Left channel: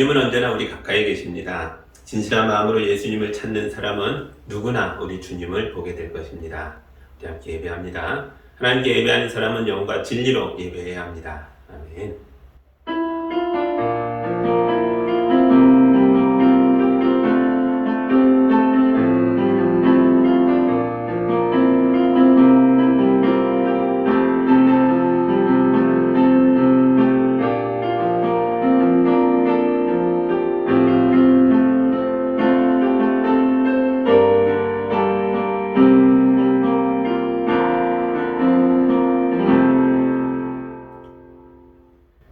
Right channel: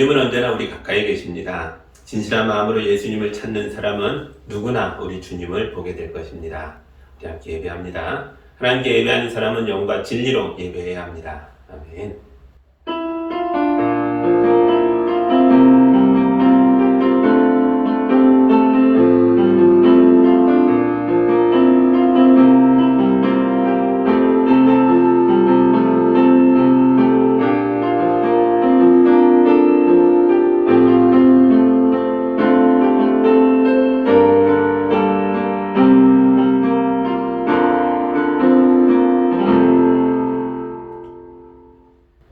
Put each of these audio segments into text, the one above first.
주님은 언제나 우리 가까이 계십니다. 진실한 마음으로 예수님을 찾는 사람은 누구나 우리 주님을 보게 될 것입니다. 우리 함께 예배합니다. 하나님께 예배하는 사람은 영과 진리로 예배해야 합니다. 아멘.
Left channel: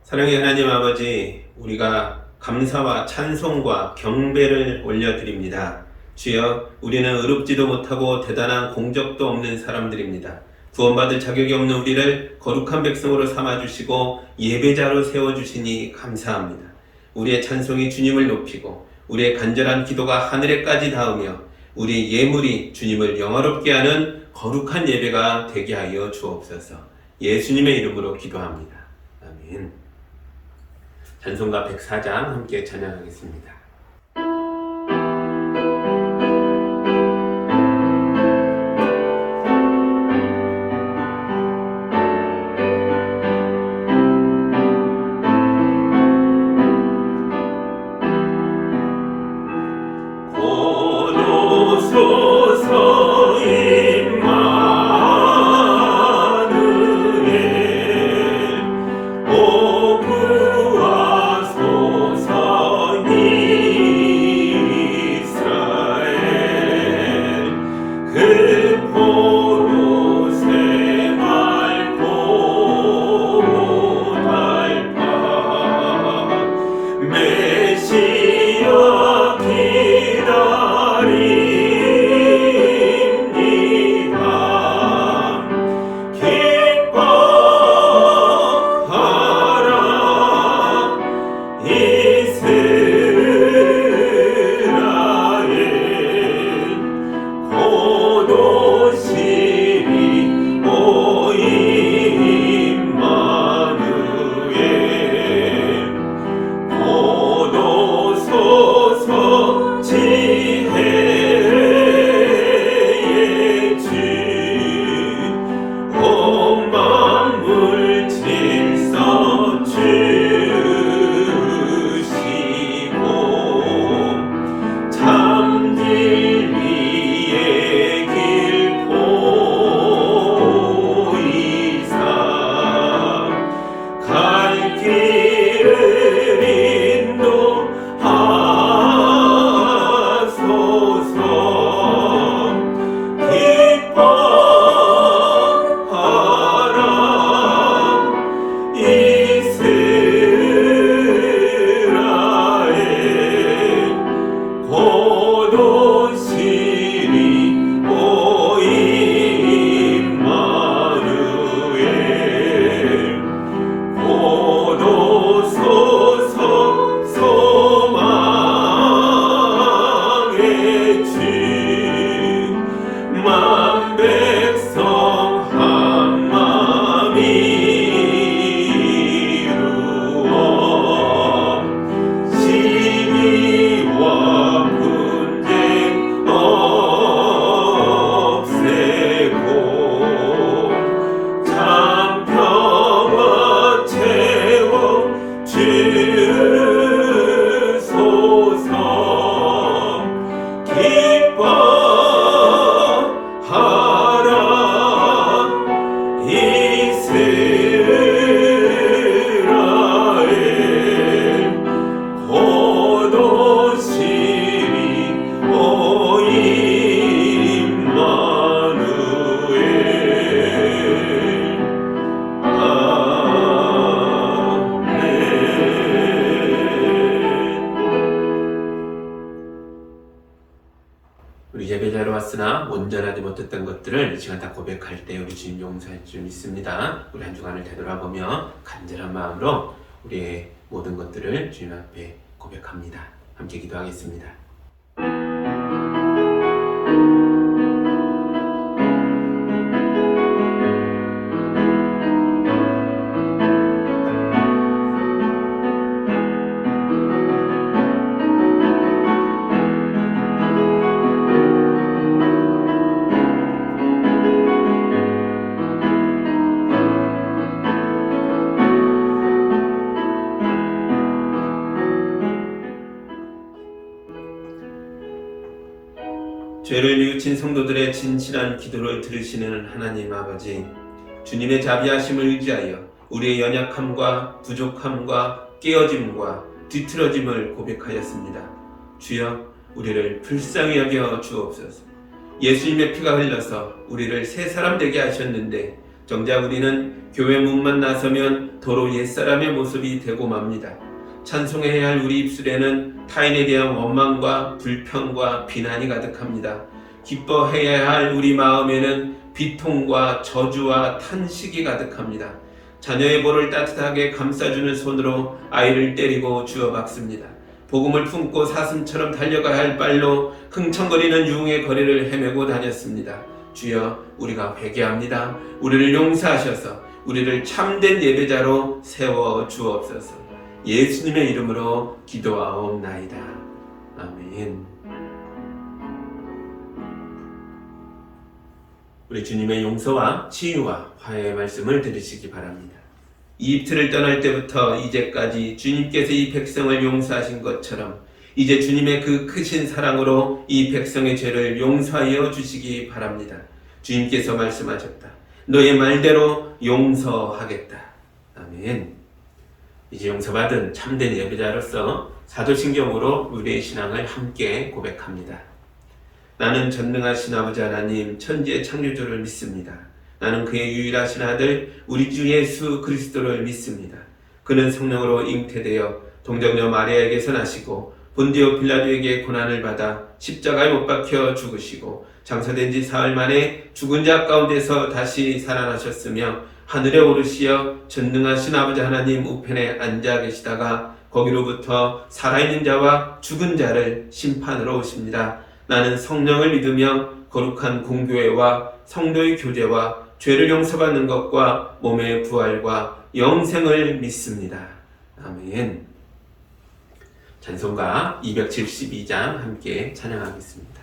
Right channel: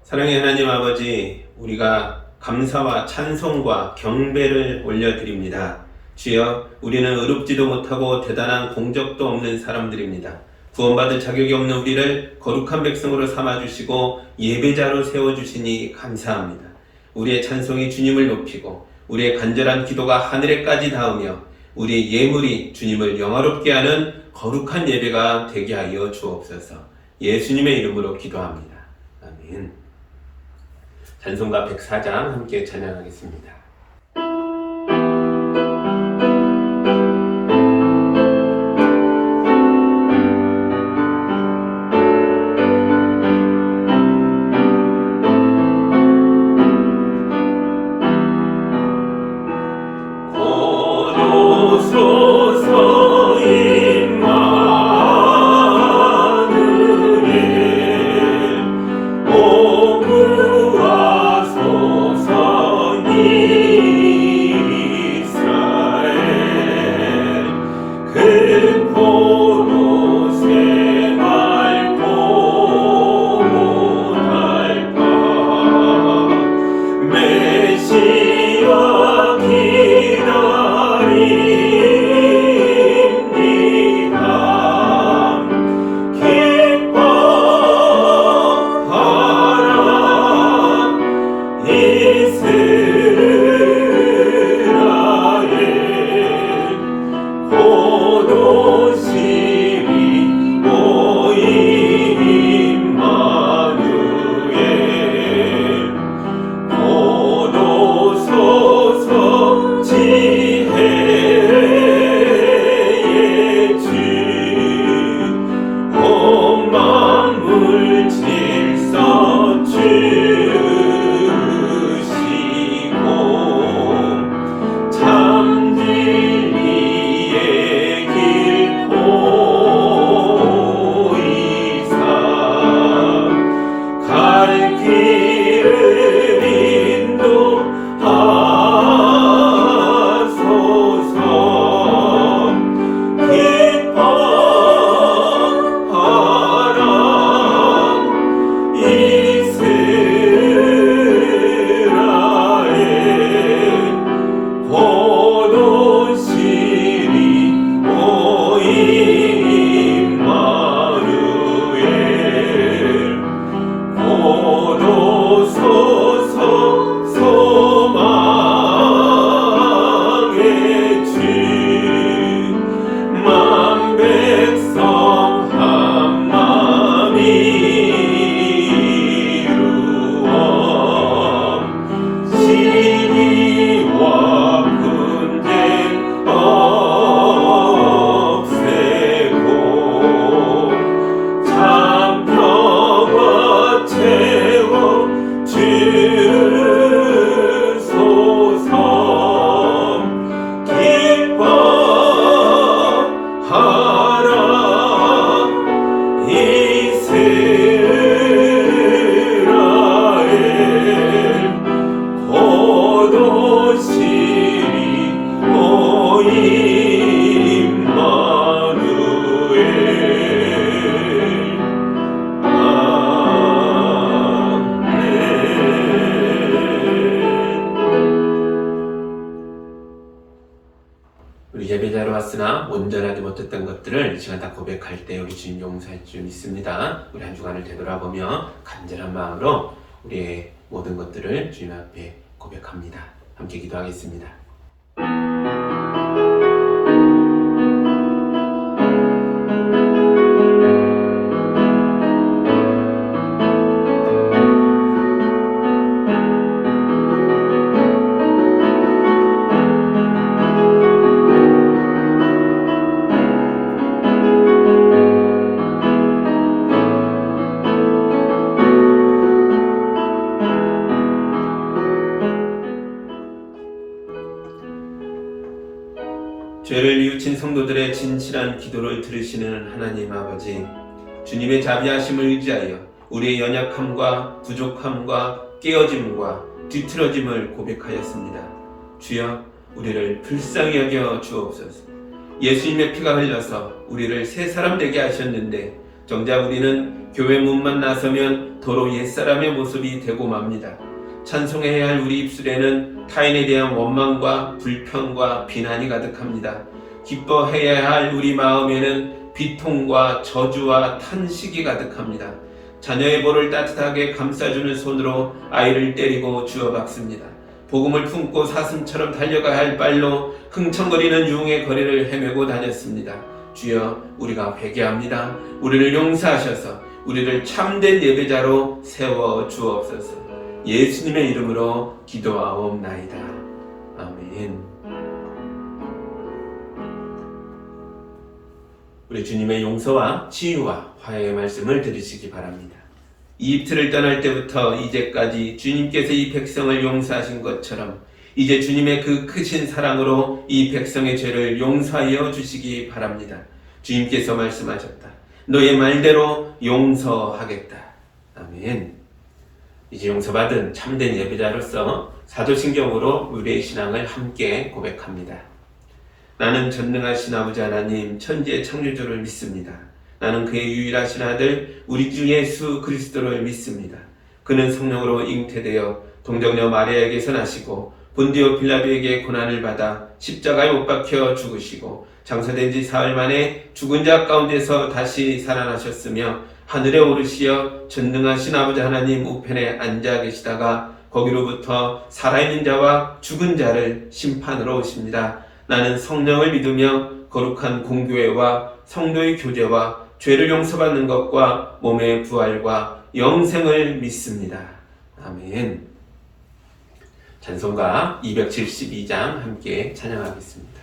사랑의 하나님 아버지, 우리가 감사와 찬송과 경배를 올려드립니다. 주여, 우리는 의롭지도 못하고 대단한 공적도 없는 사람들입니다. 구원받을 자격이 없는 우리를 거룩한 백성으로 삼아주시고 예배자로 세워주시니 감사합니다. 우리의 찬송이 주님을 높이고 우리의 간절한 기도가 하늘에까지 닿으며 우리의 예물이 주님을 영화롭게 하는 거룩한 예배가 되게 하여 주옵소서. 예수님의 이름으로 기도합니다. 아멘. 찬송가 104장 함께 찬양하겠습니다. 고도소서 임마누엘 오 구하소서 이스라엘 근포로 생활 고달파 메시아 기다립니다. 기뻐하라 이스라엘 고도시리 오 임마누엘 고도소서 지혜의 주 온 만물 질서 주시고 참 진리의 길 보이사 갈 길을 인도하소서. 기뻐하라 이스라엘 고도시리 오 임마누엘 고도소서 소망의 주 만백성 한마음 이루어 시기와 분쟁 없애고 참 평화 채워 주소서. 기뻐하라 이스라엘 고도시리 오 임마누엘 아멘. 우리 예배자로 왔으나 온전하지 못했던 것들을 이 시간 다 고백할 때 우리 주님 용서할 줄 믿습니다. 우리 한 주간을 되돌아보며 간절한 마음으로 우리의 모든 것들을 주님 앞에 고백합니다. 함께 기도하겠습니다. 죄를 뉘우친 성도들의 진실한 기도를 들으시는 하나님 아버지, 주님의 자비하심을 의지하여 우리의 연약함과 부족함과 깨어짐과 뒤틀어짐을 고백하였습니다. 주여, 우리를 불쌍히 여겨 주옵소서. 예수님의 피가 흘러서 우리를 새 사람 되게 하셨는데 정작 우리는 교회 문만 나서면 도로 옛사람의 모습이 되고 맙니다. 찬송해야 할 우리 입술에는 타인에 대한 원망과 불평과 비난이 가득합니다. 기뻐해야 할 우리 마음에는 비통과 저주와 탄식이 가득합니다. 자녀의 볼을 따뜻하게 감싸주는 손으로 아이를 때리고 주워박습니다. 복음을 품고 사슴처럼 달려가야 할 발로 흥청거리는 유흥의 거리를 헤매고 다녔습니다. 주여, 우리가 회개합니다. 우리를 용서하셔서 우리를 참된 예배자로 세워 주옵소서. 예수님의 이름으로 기도하옵나이다. 아멘. 우리 주님의 용서와 치유와 화해의 말씀을 들으시기 바랍니다. 이집트를 떠날 때부터 이제까지 주님께서 이 백성을 용서하신 것처럼 이제 주님의 그 크신 사랑으로 이 백성의 죄를 용서하여 주시기 바랍니다. 주님께서 말씀하셨다. 너의 말대로 용서하겠다. 아멘. 이제 용서받은 참된 예배자로서 사도신경으로 우리의 신앙을 함께 고백합니다. 나는 전능하신 아버지 하나님 천지의 창조주를 믿습니다. 나는 그의 유일하신 아들 우리 주 예수 그리스도를 믿습니다. 그는 성령으로 잉태되어 동정녀 마리아에게서 나시고 본디오 빌라도에게 고난을 받아 십자가에 못 박혀 죽으시고 장사된 지 사흘 만에 죽은 자 가운데서 다시 살아나셨으며 하늘에 오르시어 전능하신 아버지 하나님 우편에 앉아 계시다가 거기로부터 살아있는 자와 죽은 자를 심판으로 오십니다. 나는 성령을 믿으며 거룩한 공교회와 성도의 교제와 죄를 용서받는 것과 몸의 부활과 영생을 믿습니다. 아멘. 찬송가 272장 함께 찬양하겠습니다.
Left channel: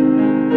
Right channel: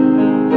마음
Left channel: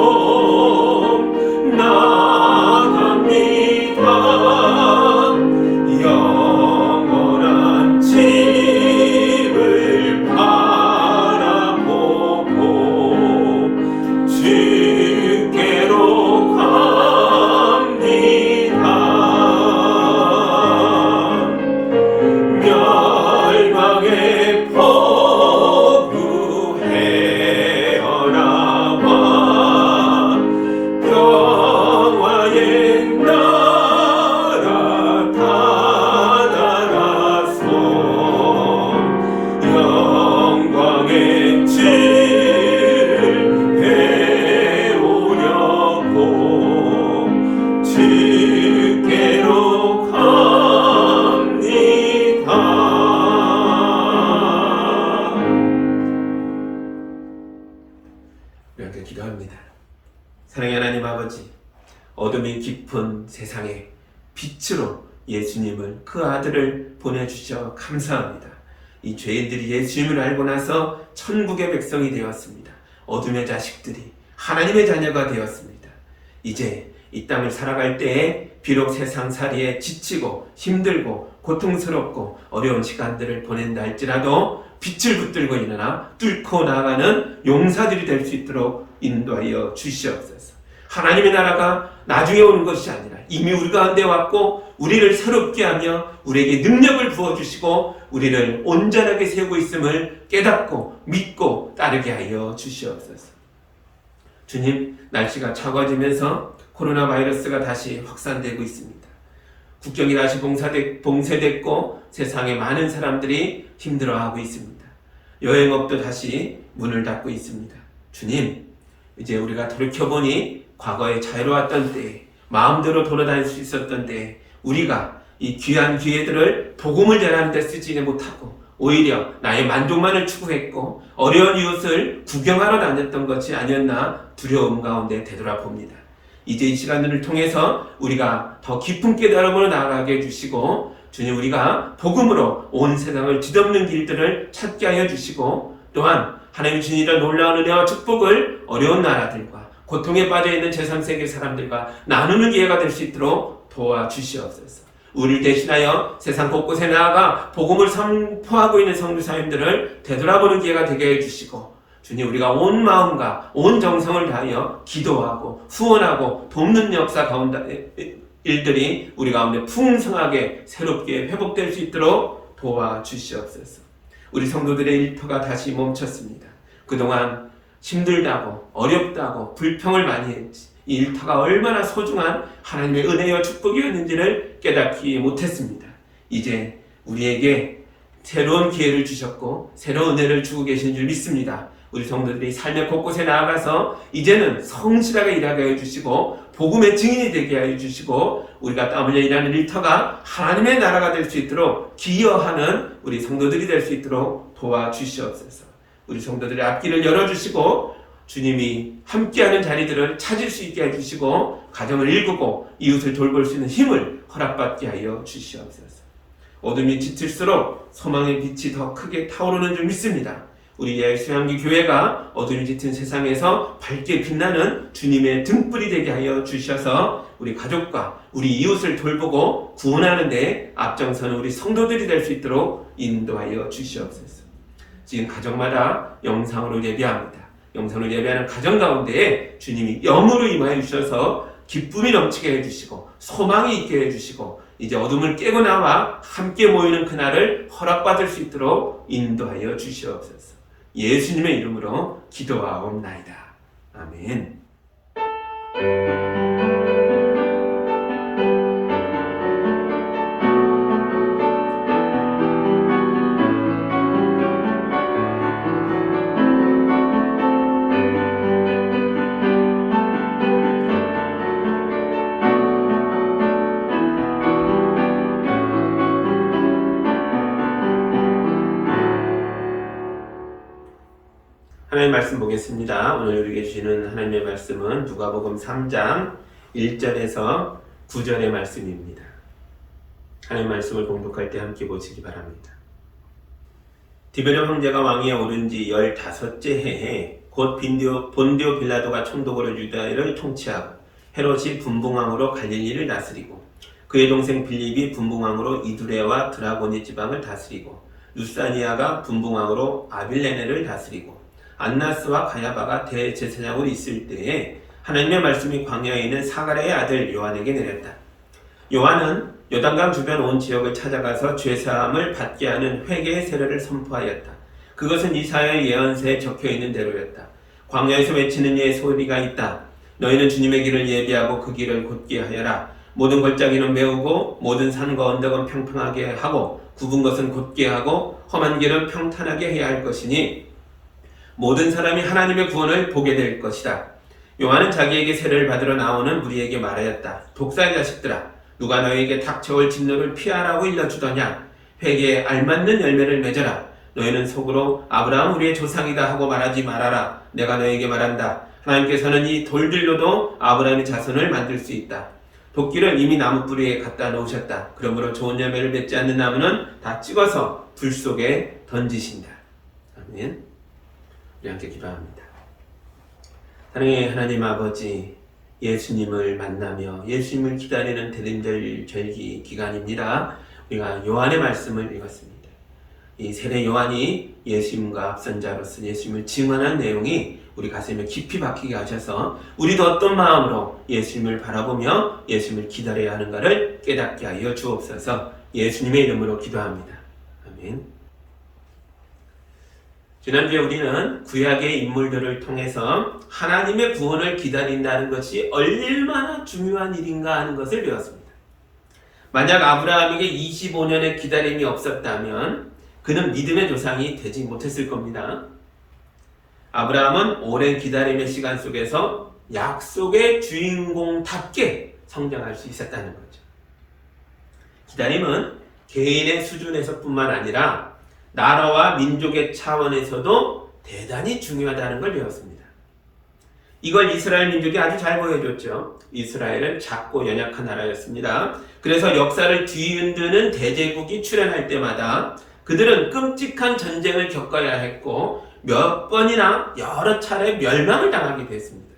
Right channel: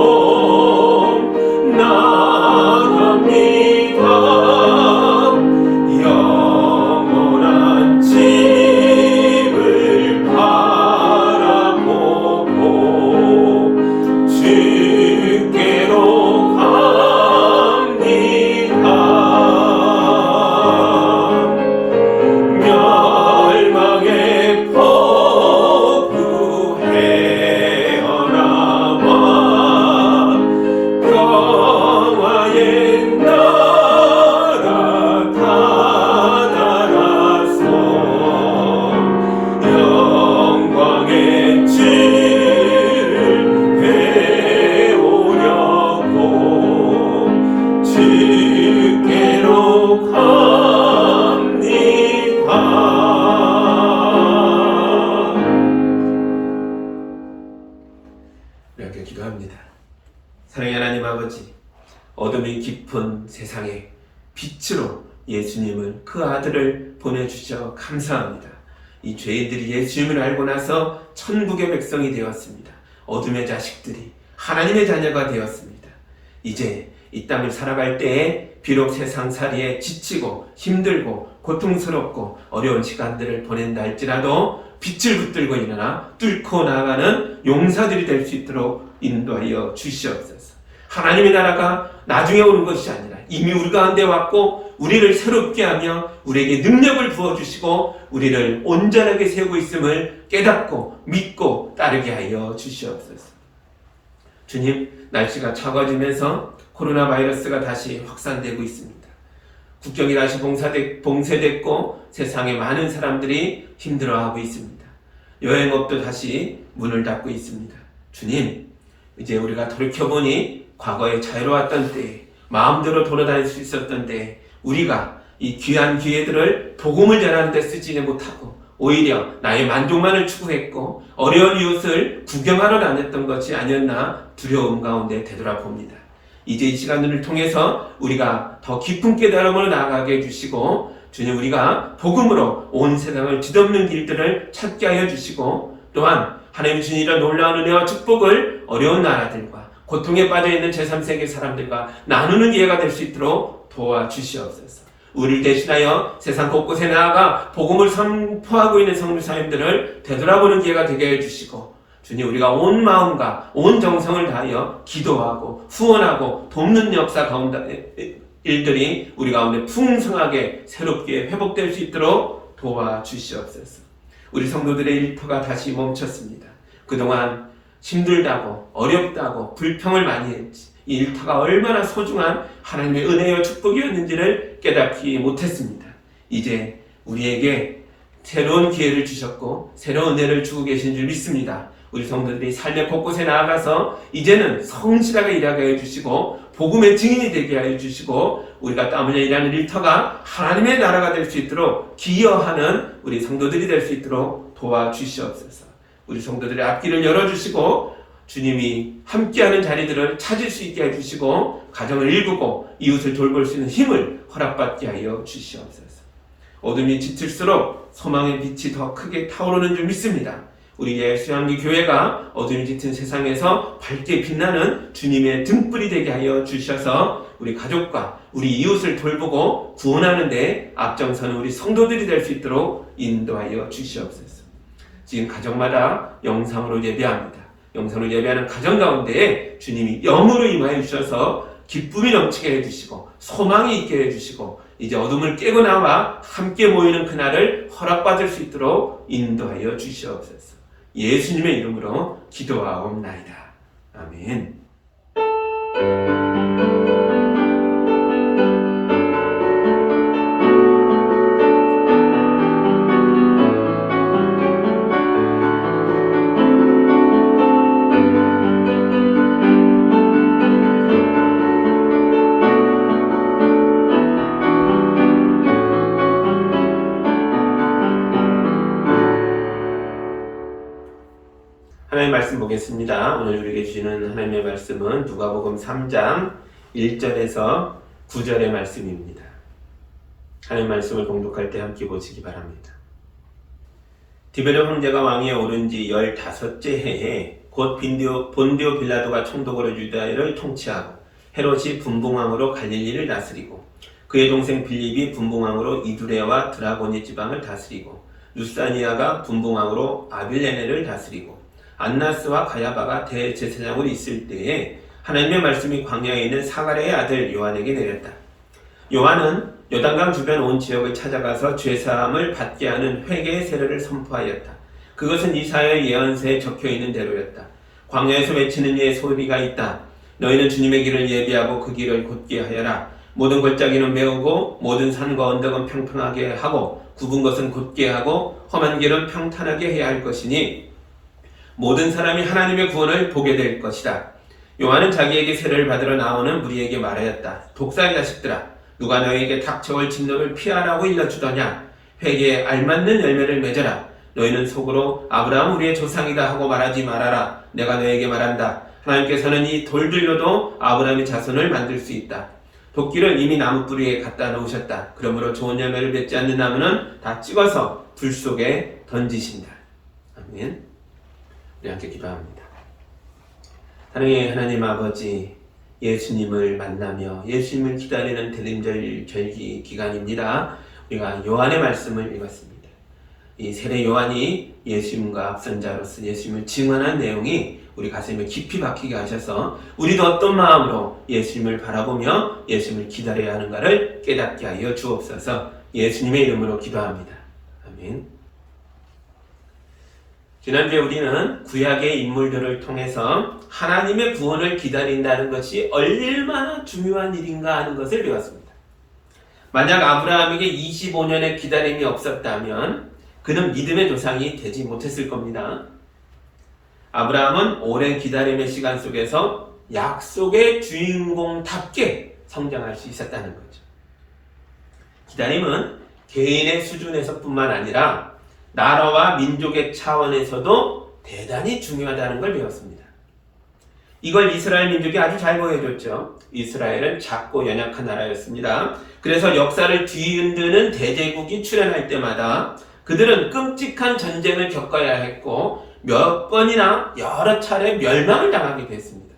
예수께로 나갑니다. 영원한 집을 바라보고 주께로 갑니다. 멸망의 포구 헤어나와 평화의 나라 다다라서 영광의 질을 배우려고 주께로 갑니다. 이렇게 기도합니다. 사랑의 하나님 아버지, 어둠이 깊은 세상에 빛으로 예수님을, 그 아들을 보내주셔 감사합니다. 이 죄인들이 예수님을 알고 나서 천국의 백성이 되었습니다. 어둠의 자식들이 하나님의 자녀가 되었습니다. 이제 이 땅을 살아갈 때에 비록 세상살이에 지치고 힘들고 고통스럽고 어려운 시간들을 보낸다 할지라도 빛을 붙들고 일어나 뚫고 나아가는 용사들이 될 수 있도록 인도하여 주시옵소서. 하나님의 나라가 나중에 오는 것이 아니라 이미 우리 가운데 왔고 우리를 새롭게 하며 우리에게 능력을 부어주시고 우리를 온전하게 세우고 있음을 깨닫고 믿고 따르게 하여 주시옵소서. 주님, 날씨가 차가워지면서 코로나 바이러스가 다시 확산되고 있습니다. 국경이 다시 봉쇄됐고 세상에 많은 사람들이 힘들어하고 있습니다. 여행업도 다시 문을 닫고 있습니다. 주님, 이제 우리가 돌이켜보니 과거에 자유로웠던 때에 마음대로 돌아다닐 수 있었던 때에 우리가 이 귀한 기회들을 복음을 전하는 데 쓰지 못하고 오히려 나의 만족만을 추구했고 어려운 이웃을 구경하러 다녔던 것이 아니었나 두려움 가운데 되돌아봅니다. 이제 이 시간을 통해서 우리가 더 깊은 깨달음으로 나아가게 해주시고 주님, 우리가 복음으로 온 세상을 뒤덮는 길들을 찾게 하여 주시고 또한 하나님 주신 이런 놀라운 은혜와 축복을 어려운 나라들과 고통에 빠져있는 제3세계 사람들과 나누는 기회가 될 수 있도록 도와주시옵소서. 우리를 대신하여 세상 곳곳에 나아가 복음을 선포하고 있는 성도사님들을 되돌아보는 기회가 되게 해주시고 주님, 우리가 온 마음과 온 정성을 다하여 기도하고 후원하고 돕는 역사 가운데 일들이 우리 가운데 풍성하게 새롭게 회복될 수 있도록 도와주시옵소서. 우리 성도들의 일터가 다시 멈췄습니다. 그동안 힘들다고 어렵다고 불평을 많이 했지. 이 일터가 얼마나 소중한 하나님의 은혜와 축복이었는지를 깨닫지 못했습니다. 이제 우리에게 새로운 기회를 주셨고 새로운 은혜를 주고 계신 줄 믿습니다. 우리 성도들이 삶의 곳곳에 나아가서 이제는 성실하게 일하게 해주시고 복음의 증인이 되게 해주시고 우리가 땀 흘려 일하는 일터가 하나님의 나라가 될 수 있도록 기여하는 우리 성도들이 될 수 있도록 도와주시옵소서. 우리 성도들의 앞길을 열어주시고 주님이 함께하는 자리들을 찾을 수 있게 해주시고 가정을 일구고 이웃을 돌볼 수 있는 힘을 허락받게 하여 주시옵소서. 어둠이 짙을수록 소망의 빛이 더 크게 타오르는 줄 믿습니다. 우리 예수양기 교회가 어둠이 짙은 세상에서 밝게 빛나는 주님의 등불이 되게 하여 주셔서 우리 가족과 우리 이웃을 돌보고 구원하는 데 앞장서는 우리 성도들이 될 수 있도록 인도하여 주시옵소서. 지금 가정마다 영상으로 예배합니다. 영상으로 예배하는 가정 가운데에 주님이 영으로 임하여 주셔서 기쁨이 넘치게 해주시고 소망이 있게 해주시고 이제 어둠을 깨고 나와 함께 모이는 그날을 허락받을 수 있도록 인도하여 주시옵소서. 예수님의 이름으로 기도하옵나이다. 아멘. 하나님의 말씀 보겠습니다. 오늘 우리에게 주시는 하나님의 말씀은 누가복음 3장 1절에서 9절의 말씀입니다. 하나님의 말씀을 봉독할 때 함께 보시기 바랍니다. 디베르 황제가 왕위에 오른 지 15째 해에 곧 본디오 빌라도가 총독으로 유다를 통치하고 헤롯이 분봉왕으로 갈릴리를 다스리고 그의 동생 빌립이 분봉왕으로 이두레와 드라고니 지방을 다스리고 루사니아가 분봉왕으로 아빌레네를 다스리고 안나스와 가야바가 대제사장으로 있을 때에 하나님의 말씀이 광야에 있는 사가랴의 아들 요한에게 내렸다. 요한은 요단강 주변 온 지역을 찾아가서 죄사함을 받게 하는 회개의 세례를 선포하였다. 그것은 이사야의 예언서에 적혀있는 대로였다. 광야에서 외치는 이의 소리가 있다. 너희는 주님의 길을 예비하고 그 길을 곧게 하여라. 모든 골짜기는 메우고 모든 산과 언덕은 평평하게 하고 굽은 것은 곧게 하고 험한 길은 평탄하게 해야 할 것이니 모든 사람이 하나님의 구원을 보게 될 것이다. 요한은 자기에게 세례를 받으러 나오는 무리에게 말하였다. 독사의 자식들아, 누가 너희에게 닥쳐올 진노를 피하라고 일러주더냐? 회개에 알맞는 열매를 맺어라. 너희는 속으로 아브라함 우리의 조상이다 하고 말하지 말아라. 내가 너희에게 말한다. 하나님께서는 이 돌들로도 아브라함의 자손을 만들 수 있다. 도끼를 이미 나무 뿌리에 갖다 놓으셨다. 그러므로 좋은 열매를 맺지 않는 나무는 다 찍어서 불 속에 던지신다. 아멘. 우리 함께 기도합니다. 사랑의 하나님 아버지, 예수님을 만나며 예수님을 기다리는 대림절 절기 기간입니다. 우리가 요한의 말씀을 읽었습니다. 이 세례 요한이 예수님과 앞선 자로서 예수님을 증언한 내용이 우리 가슴에 깊이 박히게 하셔서 우리도 어떤 마음으로 예수님을 바라보며 예수님을 기다려야 하는가를 깨닫게 하여 주옵소서. 예수님의 이름으로 기도합니다. 아멘. 지난주에 우리는 구약의 인물들을 통해서 하나님의 구원을 기다린다는 것이 얼마나 중요한 일인가 하는 것을 배웠습니다. 만약 아브라함에게 25년의 기다림이 없었다면 그는 믿음의 조상이 되지 못했을 겁니다. 아브라함은 오랜 기다림의 시간 속에서 약속의 주인공답게 성장할 수 있었다는 거죠. 기다림은 개인의 수준에서뿐만 아니라 나라와 민족의 차원에서도 대단히 중요하다는 걸 배웠습니다. 이걸 이스라엘 민족이 아주 잘 보여줬죠. 이스라엘은 작고 연약한 나라였습니다. 그래서 역사를 뒤흔드는 대제국이 출현할 때마다 그들은 끔찍한 전쟁을 겪어야 했고 몇 번이나 여러 차례 멸망을 당하게 됐습니다.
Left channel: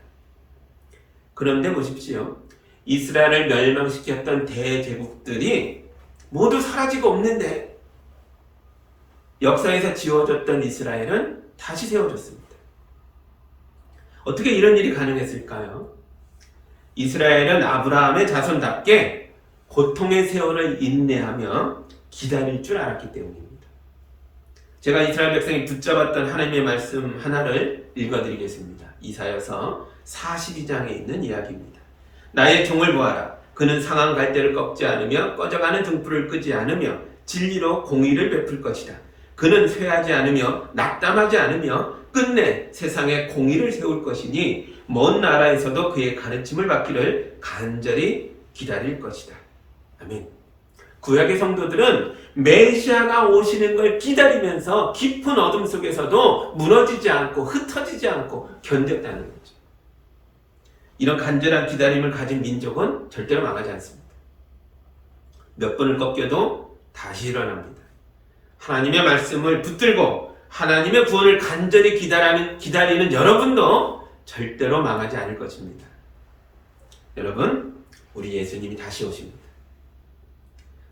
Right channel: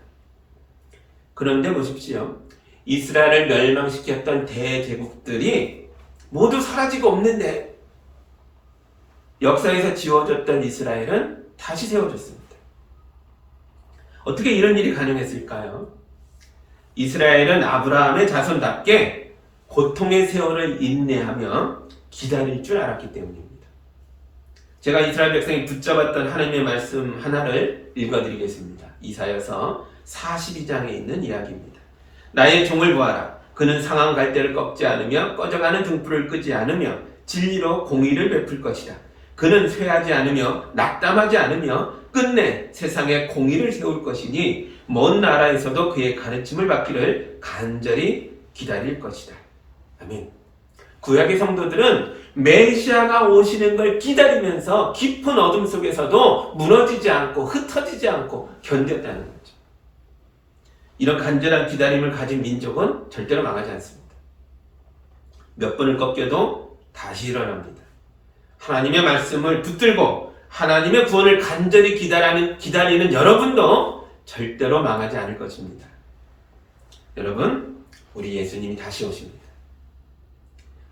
그런데 보십시오. 이스라엘을 멸망시켰던 대제국들이 모두 사라지고 없는데 역사에서 지워졌던 이스라엘은 다시 세워졌습니다. 어떻게 이런 일이 가능했을까요? 이스라엘은 아브라함의 자손답게 고통의 세월을 인내하며 기다릴 줄 알았기 때문입니다. 제가 이스라엘 백성이 붙잡았던 하나님의 말씀 하나를 읽어드리겠습니다. 이사야서 42장에 있는 이야기입니다. 나의 종을 보아라. 그는 상한 갈대를 꺾지 않으며 꺼져가는 등불을 끄지 않으며 진리로 공의를 베풀 것이다. 그는 쇠하지 않으며 낙담하지 않으며 끝내 세상에 공의를 세울 것이니 먼 나라에서도 그의 가르침을 받기를 간절히 기다릴 것이다. 아멘. 구약의 성도들은 메시아가 오시는 걸 기다리면서 깊은 어둠 속에서도 무너지지 않고 흩어지지 않고 견뎠다는 거죠. 이런 간절한 기다림을 가진 민족은 절대로 망하지 않습니다. 몇 번을 꺾여도 다시 일어납니다. 하나님의 말씀을 붙들고 하나님의 구원을 간절히 기다리는 여러분도 절대로 망하지 않을 것입니다. 여러분, 우리 예수님이 다시 오십니다.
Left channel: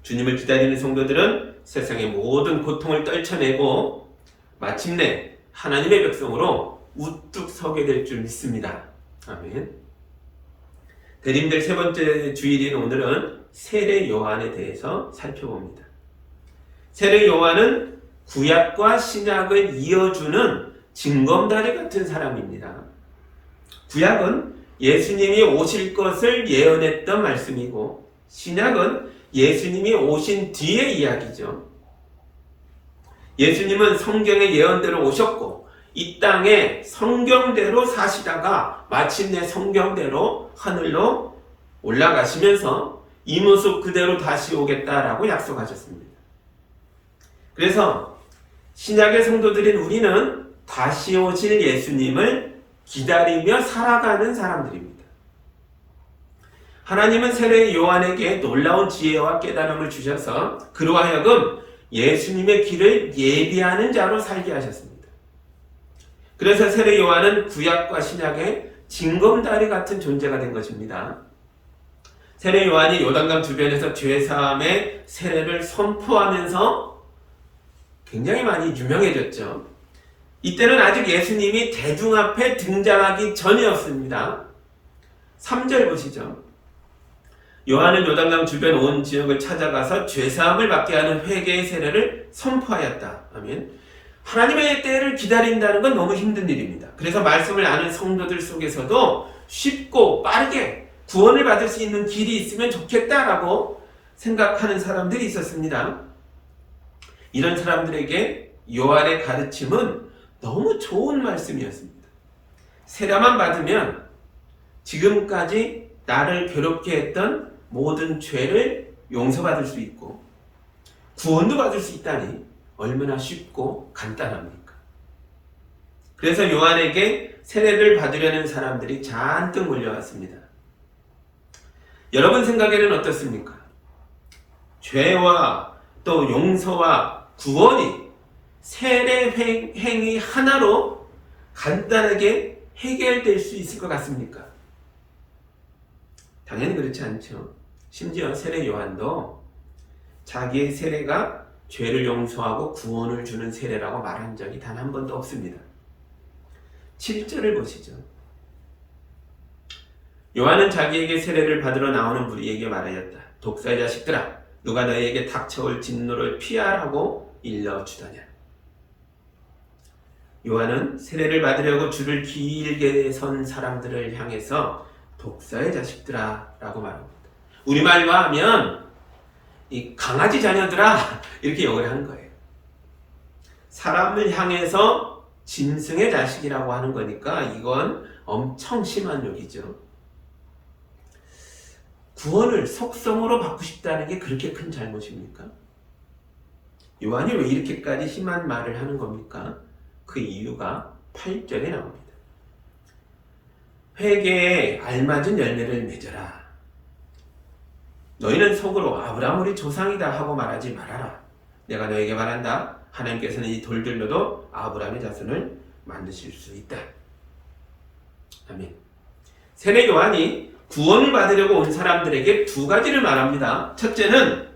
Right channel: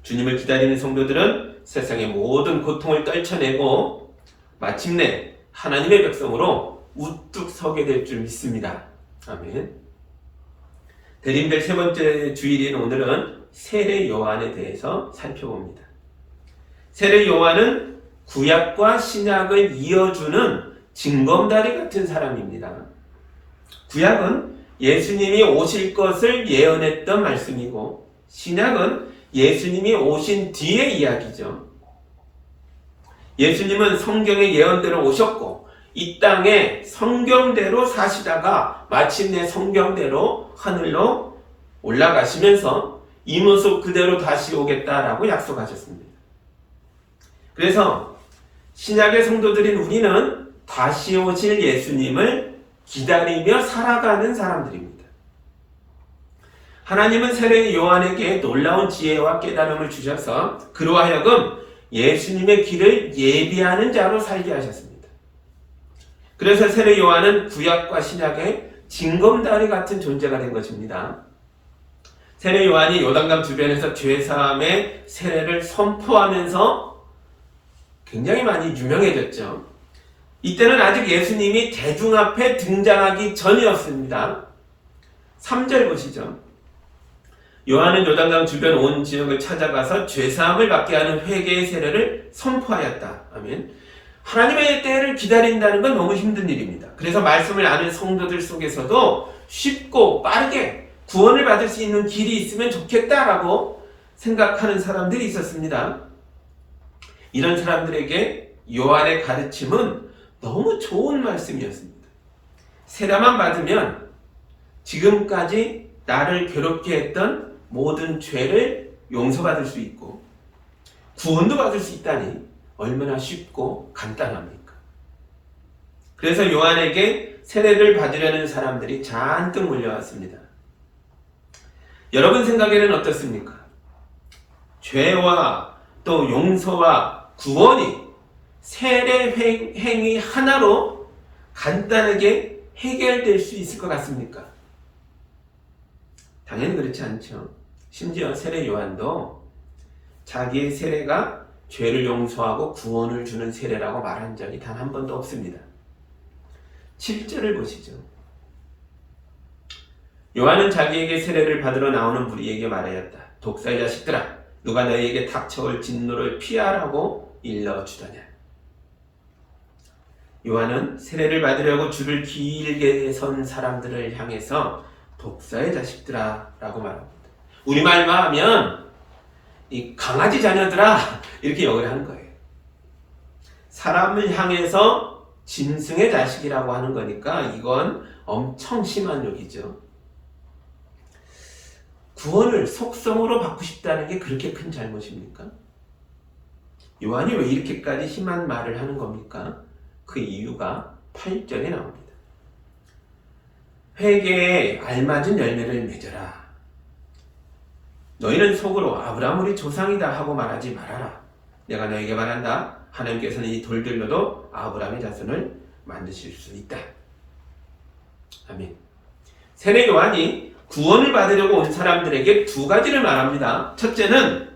주님을 기다리는 성도들은 세상의 모든 고통을 떨쳐내고 마침내 하나님의 백성으로 우뚝 서게 될 줄 믿습니다. 아멘. 대림절 세 번째 주일인 오늘은 세례 요한에 대해서 살펴봅니다. 세례 요한은 구약과 신약을 이어주는 징검다리 같은 사람입니다. 구약은 예수님이 오실 것을 예언했던 말씀이고 신약은 예수님이 오신 뒤의 이야기죠. 예수님은 성경의 예언대로 오셨고 이 땅에 성경대로 사시다가 마침내 성경대로 하늘로 올라가시면서 이 모습 그대로 다시 오겠다라고 약속하셨습니다. 그래서 신약의 성도들인 우리는 다시 오실 예수님을 기다리며 살아가는 사람들입니다. 하나님은 세례 요한에게 놀라운 지혜와 깨달음을 주셔서 그로 하여금 예수님의 길을 예비하는 자로 살게 하셨습니다. 그래서 세례 요한은 구약과 신약의 징검다리 같은 존재가 된 것입니다. 세례 요한이 요단강 주변에서 죄사함의 세례를 선포하면서 굉장히 많이 유명해졌죠. 이때는 아직 예수님이 대중 앞에 등장하기 전이었습니다. 3절 보시죠. 요한은 요단강 주변 온 지역을 찾아가서 죄사함을 받게 하는 회개의 세례를 선포하였다. 아멘. 하나님의 때를 기다린다는 건 너무 힘든 일입니다. 그래서 말씀을 아는 성도들 속에서도 쉽고 빠르게 구원을 받을 수 있는 길이 있으면 좋겠다라고 생각하는 사람들이 있었습니다. 이런 사람들에게 요한의 가르침은 너무 좋은 말씀이었습니다. 세례만 받으면 지금까지 나를 괴롭게 했던 모든 죄를 용서받을 수 있고 구원도 받을 수 있다니 얼마나 쉽고 간단합니까? 그래서 요한에게 세례를 받으려는 사람들이 잔뜩 몰려왔습니다. 여러분 생각에는 어떻습니까? 죄와 또 용서와 구원이 세례 행위 하나로 간단하게 해결될 수 있을 것 같습니까? 당연히 그렇지 않죠. 심지어 세례 요한도 자기의 세례가 죄를 용서하고 구원을 주는 세례라고 말한 적이 단 한 번도 없습니다. 7절을 보시죠. 요한은 자기에게 세례를 받으러 나오는 무리에게 말하였다. 독사의 자식들아, 누가 너희에게 닥쳐올 진노를 피하라고 일러주더냐. 요한은 세례를 받으려고 줄을 길게 선 사람들을 향해서 독사의 자식들아 라고 말합니다. 우리말로 하면 이 강아지 자녀들아 이렇게 역을 한 거예요. 사람을 향해서 짐승의 자식이라고 하는 거니까 이건 엄청 심한 욕이죠. 구원을 속성으로 받고 싶다는 게 그렇게 큰 잘못입니까? 요한이 왜 이렇게까지 심한 말을 하는 겁니까? 그 이유가 8절에 나옵니다. 회개에 알맞은 열매를 맺어라. 너희는 속으로 아브라함 우리 조상이다 하고 말하지 말아라. 내가 너에게 말한다. 하나님께서는 이 돌들로도 아브라함의 자손을 만드실 수 있다. 아멘. 세례 요한이 구원을 받으려고 온 사람들에게 두 가지를 말합니다. 첫째는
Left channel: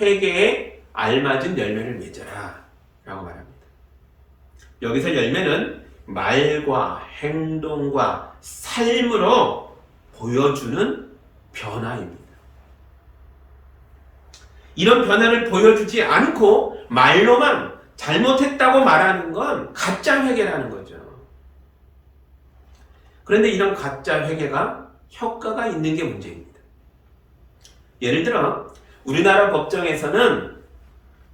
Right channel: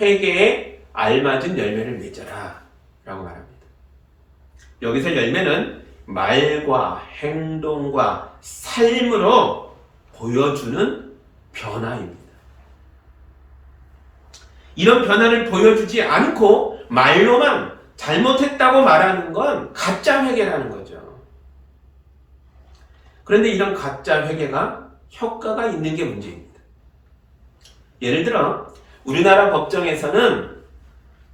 회개에 알맞은 열매를 맺어라 라고 말합니다. 여기서 열매는 말과 행동과 삶으로 보여주는 변화입니다. 이런 변화를 보여주지 않고 말로만 잘못했다고 말하는 건 가짜 회개라는 거죠. 그런데 이런 가짜 회개가 효과가 있는 게 문제입니다. 예를 들어 우리나라 법정에서는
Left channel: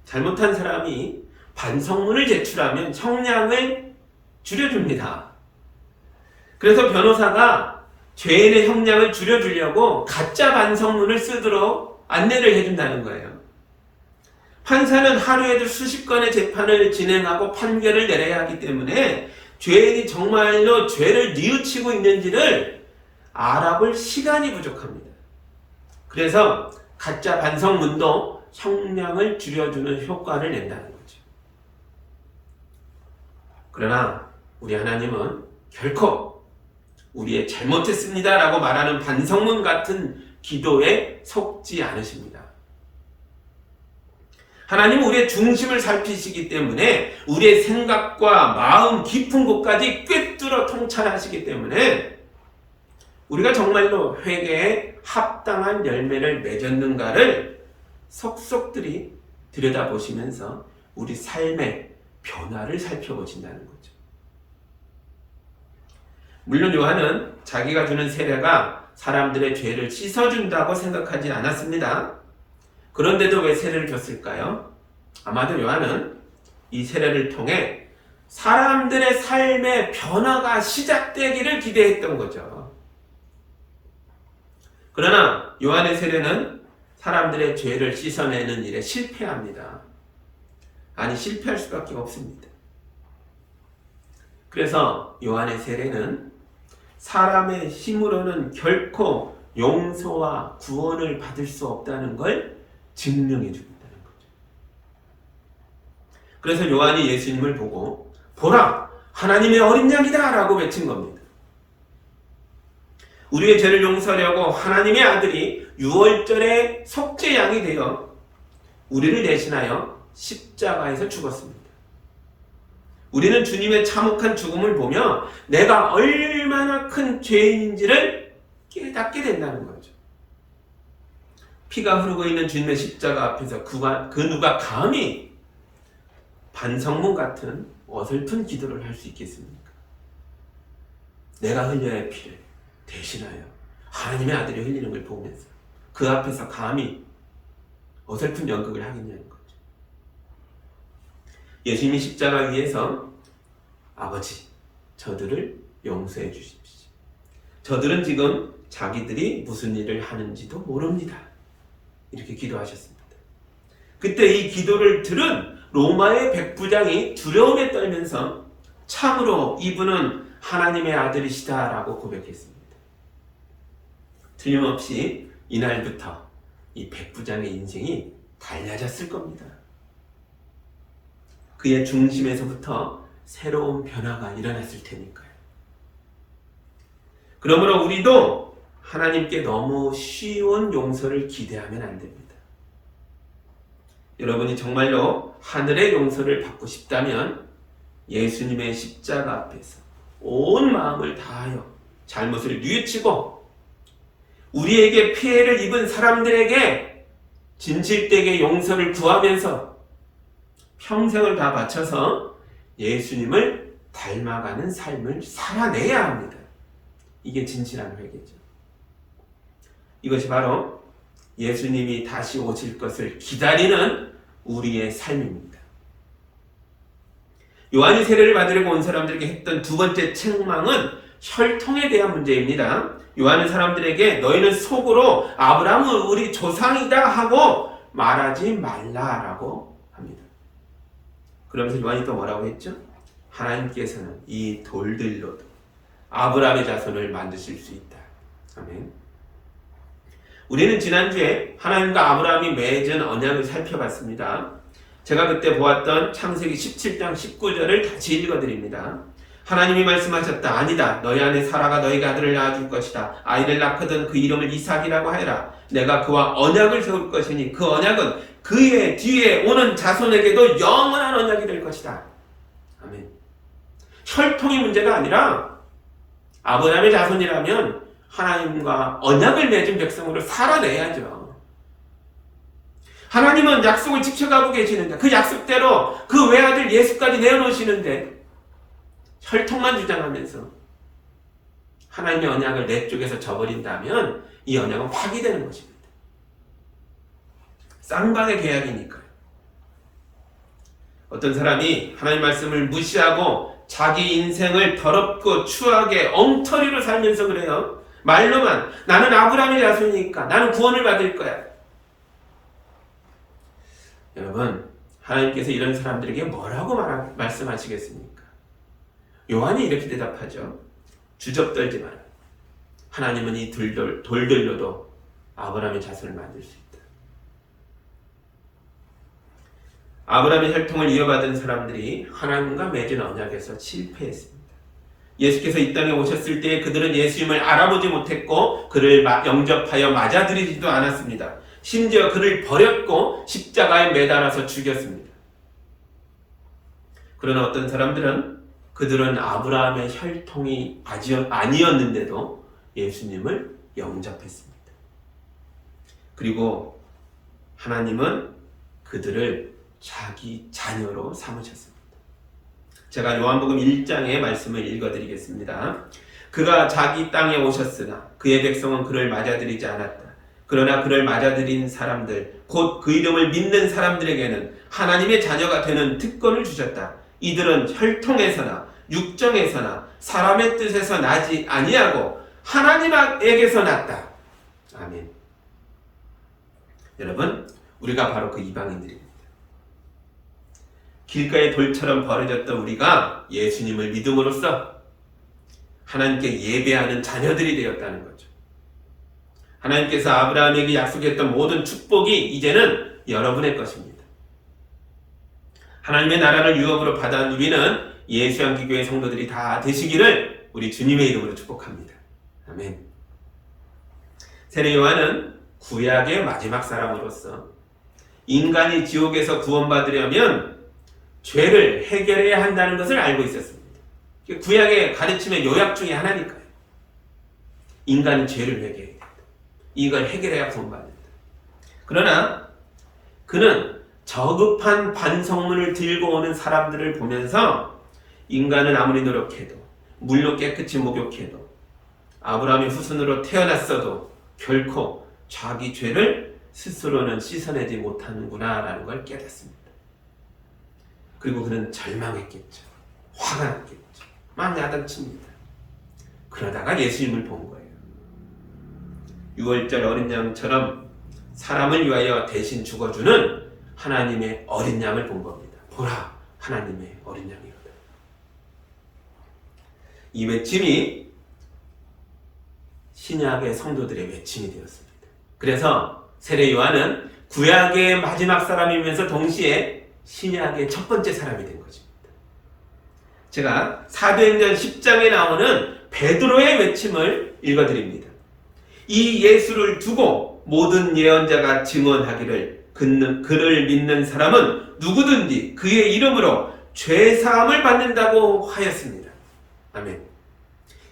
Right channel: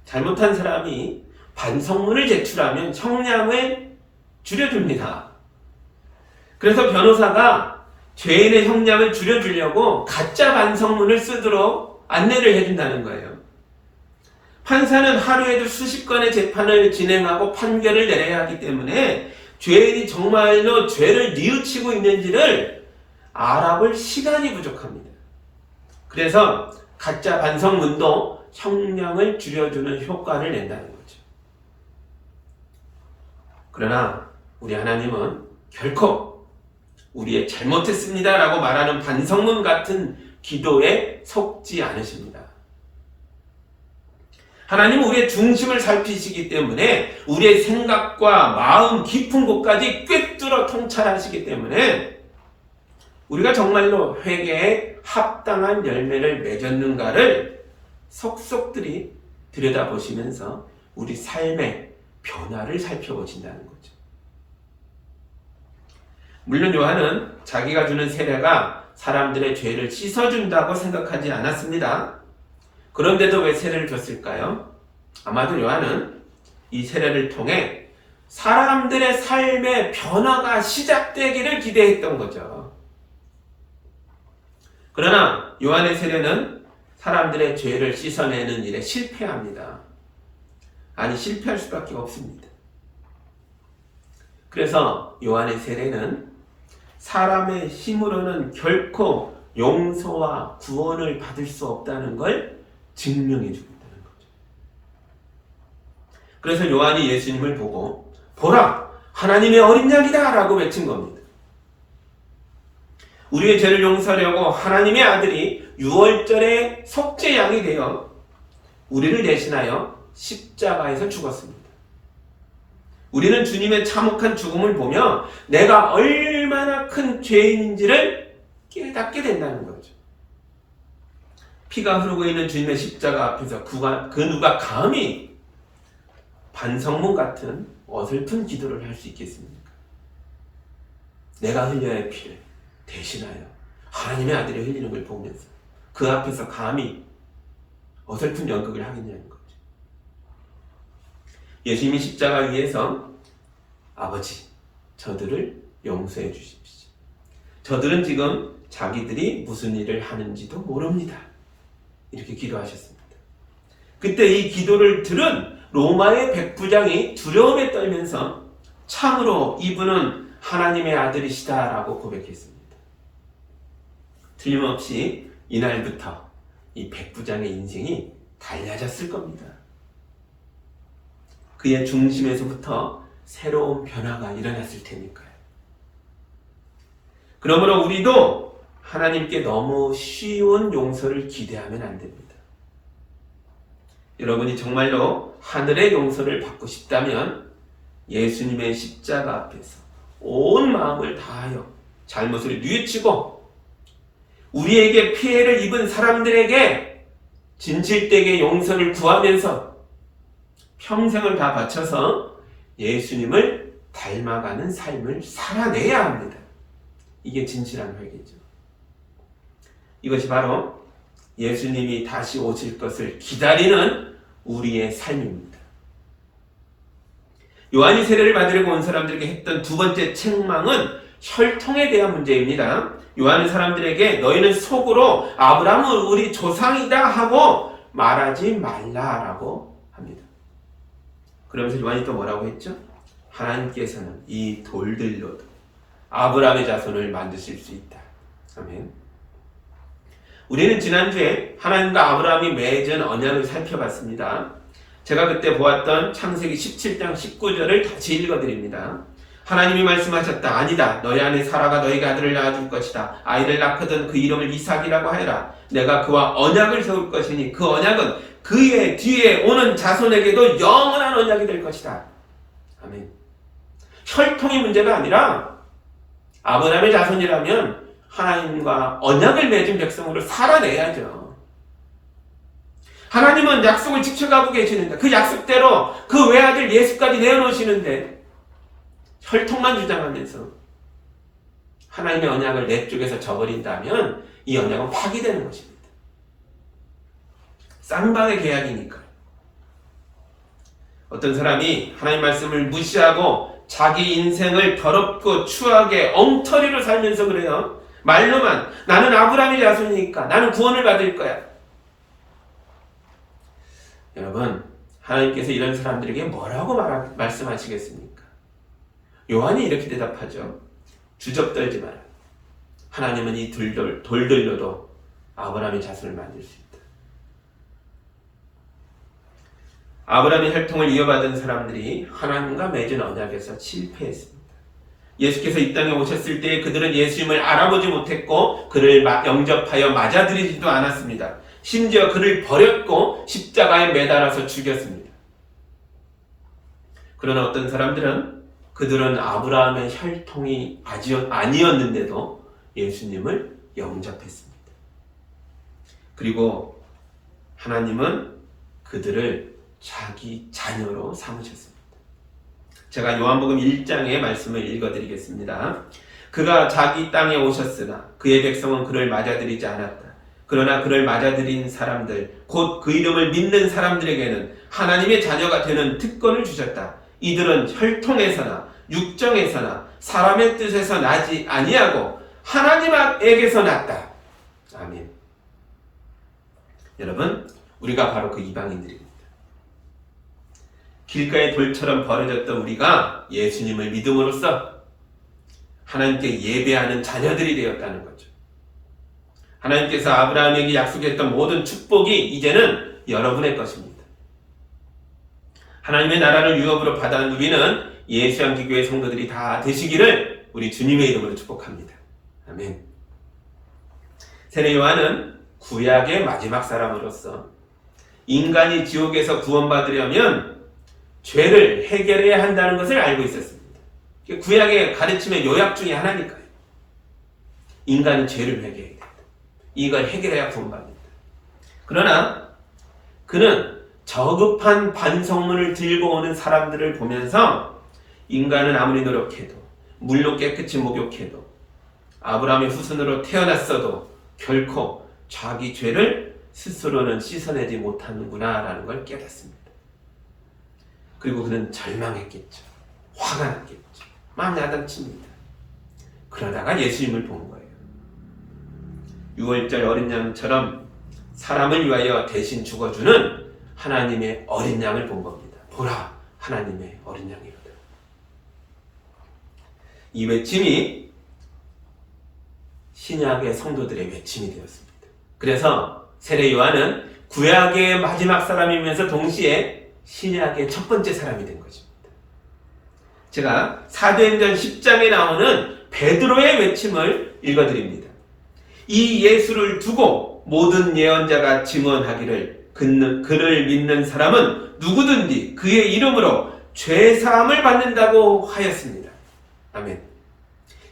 잘못한 사람이 반성문을 제출하면 형량을 줄여줍니다. 그래서 변호사가 죄인의 형량을 줄여주려고 가짜 반성문을 쓰도록 안내를 해준다는 거예요. 판사는 하루에도 수십 건의 재판을 진행하고 판결을 내려야 하기 때문에 죄인이 정말로 죄를 뉘우치고 있는지를 알아볼 시간이 부족합니다. 그래서 가짜 반성문도 형량을 줄여주는 효과를 낸다는 거죠. 그러나 우리 하나님은 결코 우리의 잘못했습니다 라고 말하는 반성문 같은 기도에 속지 않으십니다. 하나님은 우리의 중심을 살피시기 때문에 우리의 생각과 마음 깊은 곳까지 꿰뚫어 통찰하시기 때문에 우리가 정말로 회개에 합당한 열매를 맺었는가를 속속들이 들여다보시면서 우리 삶의 변화를 살펴보신다는 거죠. 물론 요한은 자기가 주는 세례가 사람들의 죄를 씻어준다고 생각하지 않았습니다. 그런데도 왜 세례를 줬을까요? 아마도 요한은 이 세례를 통해 사람들의 삶의 변화가 시작되기를 기대했던 거죠. 그러나 요한의 세례는 사람들의 죄를 씻어내는 일에 실패합니다. 아니, 실패할 수밖에 없습니다. 그래서 요한의 세례는 사람의 힘으로는 결코 용서와 구원을 받을 수 없다는 걸 증명해 준다는 거죠. 그래서 요한이 예수님을 보고 보라! 하나님의 어린 양이다 라고 외친 겁니다. 우리의 죄를 용서하려고 하나님의 아들이 6월절에 속죄양이 되어 우리를 대신하여 십자가에서 죽었습니다. 우리는 주님의 참혹한 죽음을 보며 내가 얼마나 큰 죄인인지를 깨닫게 된다는 거죠. 피가 흐르고 있는 주님의 십자가 앞에서 그 누가 감히 반성문 같은 어설픈 기도를 할 수 있겠습니까? 내가 흘려야 할 피를 대신하여 하나님의 아들이 흘리는 걸 보면서 그 앞에서 감히 어설픈 연극을 하겠냐는 거죠. 예수님이 십자가 위에서 아버지, 저들을 용서해 주십시오. 저들은 지금 자기들이 무슨 일을 하는지도 모릅니다. 이렇게 기도하셨습니다. 그때 이 기도를 들은 로마의 백부장이 두려움에 떨면서 참으로 이분은 하나님의 아들이시다라고 고백했습니다. 틀림없이 이날부터 이 백부장의 인생이 달라졌을 겁니다. 그의 중심에서부터 새로운 변화가 일어났을 테니까요. 그러므로 우리도 하나님께 너무 쉬운 용서를 기대하면 안 됩니다. 여러분이 정말로 하늘의 용서를 받고 싶다면 예수님의 십자가 앞에서 온 마음을 다하여 잘못을 뉘우치고 우리에게 피해를 입은 사람들에게 진실되게 용서를 구하면서 평생을 다 바쳐서 예수님을 닮아가는 삶을 살아내야 합니다. 이게 진실한 회개죠. 이것이 바로 예수님이 다시 오실 것을 기다리는 우리의 삶입니다. 요한이 세례를 받으려고 온 사람들에게 했던 두 번째 책망은 혈통에 대한 문제입니다. 요한은 사람들에게 너희는 속으로 아브라함은 우리 조상이다 하고 말하지 말라라고 합니다. 그러면서 요한이 또 뭐라고 했죠? 하나님께서는 이 돌들로도 아브라함의 자손을 만드실 수 있다. 아멘. 우리는 지난주에 하나님과 아브라함이 맺은 언약을 살펴봤습니다. 제가 그때 보았던 창세기 17장 19절을 다시 읽어드립니다. 하나님이 말씀하셨다. 아니다. 너희 아내 사라가 너희에게 아들을 낳아줄 것이다. 아이를 낳거든 그 이름을 이삭이라고 하여라. 내가 그와 언약을 세울 것이니 그 언약은 그의 뒤에 오는 자손에게도 영원한 언약이 될 것이다. 아멘. 혈통이 문제가 아니라 아브라함의 자손이라면 하나님과 언약을 맺은 백성으로 살아내야죠. 하나님은 약속을 지켜가고 계시는데 그 약속대로 그 외아들 예수까지 내어놓으시는데 혈통만 주장하면서 하나님의 언약을 내 쪽에서 저버린다면 이 언약은 파기되는 것입니다. 쌍방의 계약이니까요. 어떤 사람이 하나님 말씀을 무시하고 자기 인생을 더럽고 추하게 엉터리로 살면서 그래요. 말로만 나는 아브라함의 자손이니까 나는 구원을 받을 거야. 여러분, 하나님께서 이런 사람들에게 뭐라고 말씀하시겠습니까? 요한이 이렇게 대답하죠. 주접떨지 마라. 하나님은 이 돌들로도 아브라함의 자손을 만들 수 있다. 아브라함의 혈통을 이어받은 사람들이 하나님과 맺은 언약에서 실패했습니다. 예수께서 이 땅에 오셨을 때 그들은 예수님을 알아보지 못했고 그를 영접하여 맞아들이지도 않았습니다. 심지어 그를 버렸고 십자가에 매달아서 죽였습니다. 그러나 어떤 사람들은 그들은 아브라함의 혈통이 아니었는데도 예수님을 영접했습니다. 그리고 하나님은 그들을 자기 자녀로 삼으셨습니다. 제가 요한복음 1장의 말씀을 읽어드리겠습니다. 그가 자기 땅에 오셨으나 그의 백성은 그를 맞아들이지 않았다. 그러나 그를 맞아들인 사람들, 곧 그 이름을 믿는 사람들에게는 하나님의 자녀가 되는 특권을 주셨다. 이들은 혈통에서나 육정에서나 사람의 뜻에서 나지 아니하고 하나님에게서 났다. 아멘. 여러분, 우리가 바로 그 이방인들입니다. 길가의 돌처럼 버려졌던 우리가 예수님을 믿음으로써 하나님께 예배하는 자녀들이 되었다는 거죠. 하나님께서 아브라함에게 약속했던 모든 축복이 이제는 여러분의 것입니다. 하나님의 나라를 유업으로 받아 누리는 예수향기교회 성도들이 다 되시기를 우리 주님의 이름으로 축복합니다. 아멘. 세례 요한은 구약의 마지막 사람으로서 인간이 지옥에서 구원받으려면 죄를 해결해야 한다는 것을 알고 있었습니다. 구약의 가르침의 요약 중에 하나니까요. 인간은 죄를 회개해야 된다. 이걸 해결해야 구원받는다. 그러나 그는 저급한 반성문을 들고 오는 사람들을 보면서 인간은 아무리 노력해도, 물로 깨끗이 목욕해도, 아브라함의 후손으로 태어났어도 결코 자기 죄를 스스로는 씻어내지 못하는구나 라는 걸 깨닫습니다. 그리고 그는 절망했겠죠. 화가 났겠죠. 막 야단칩니다. 그러다가 예수님을 본 거예요. 6월절 어린 양처럼 사람을 위하여 대신 죽어주는 하나님의 어린 양을 본 겁니다. 보라, 하나님의 어린 양이로다. 이 외침이 신약의 성도들의 외침이 되었습니다. 그래서 세례 요한은 구약의 마지막 사람이면서 동시에 신약의 첫 번째 사람이 된 것입니다. 제가 사도행전 10장에 나오는 베드로의 외침을 읽어드립니다. 이 예수를 두고 모든 예언자가 증언하기를 그를 믿는 사람은 누구든지 그의 이름으로 죄사함을 받는다고 하였습니다. 아멘.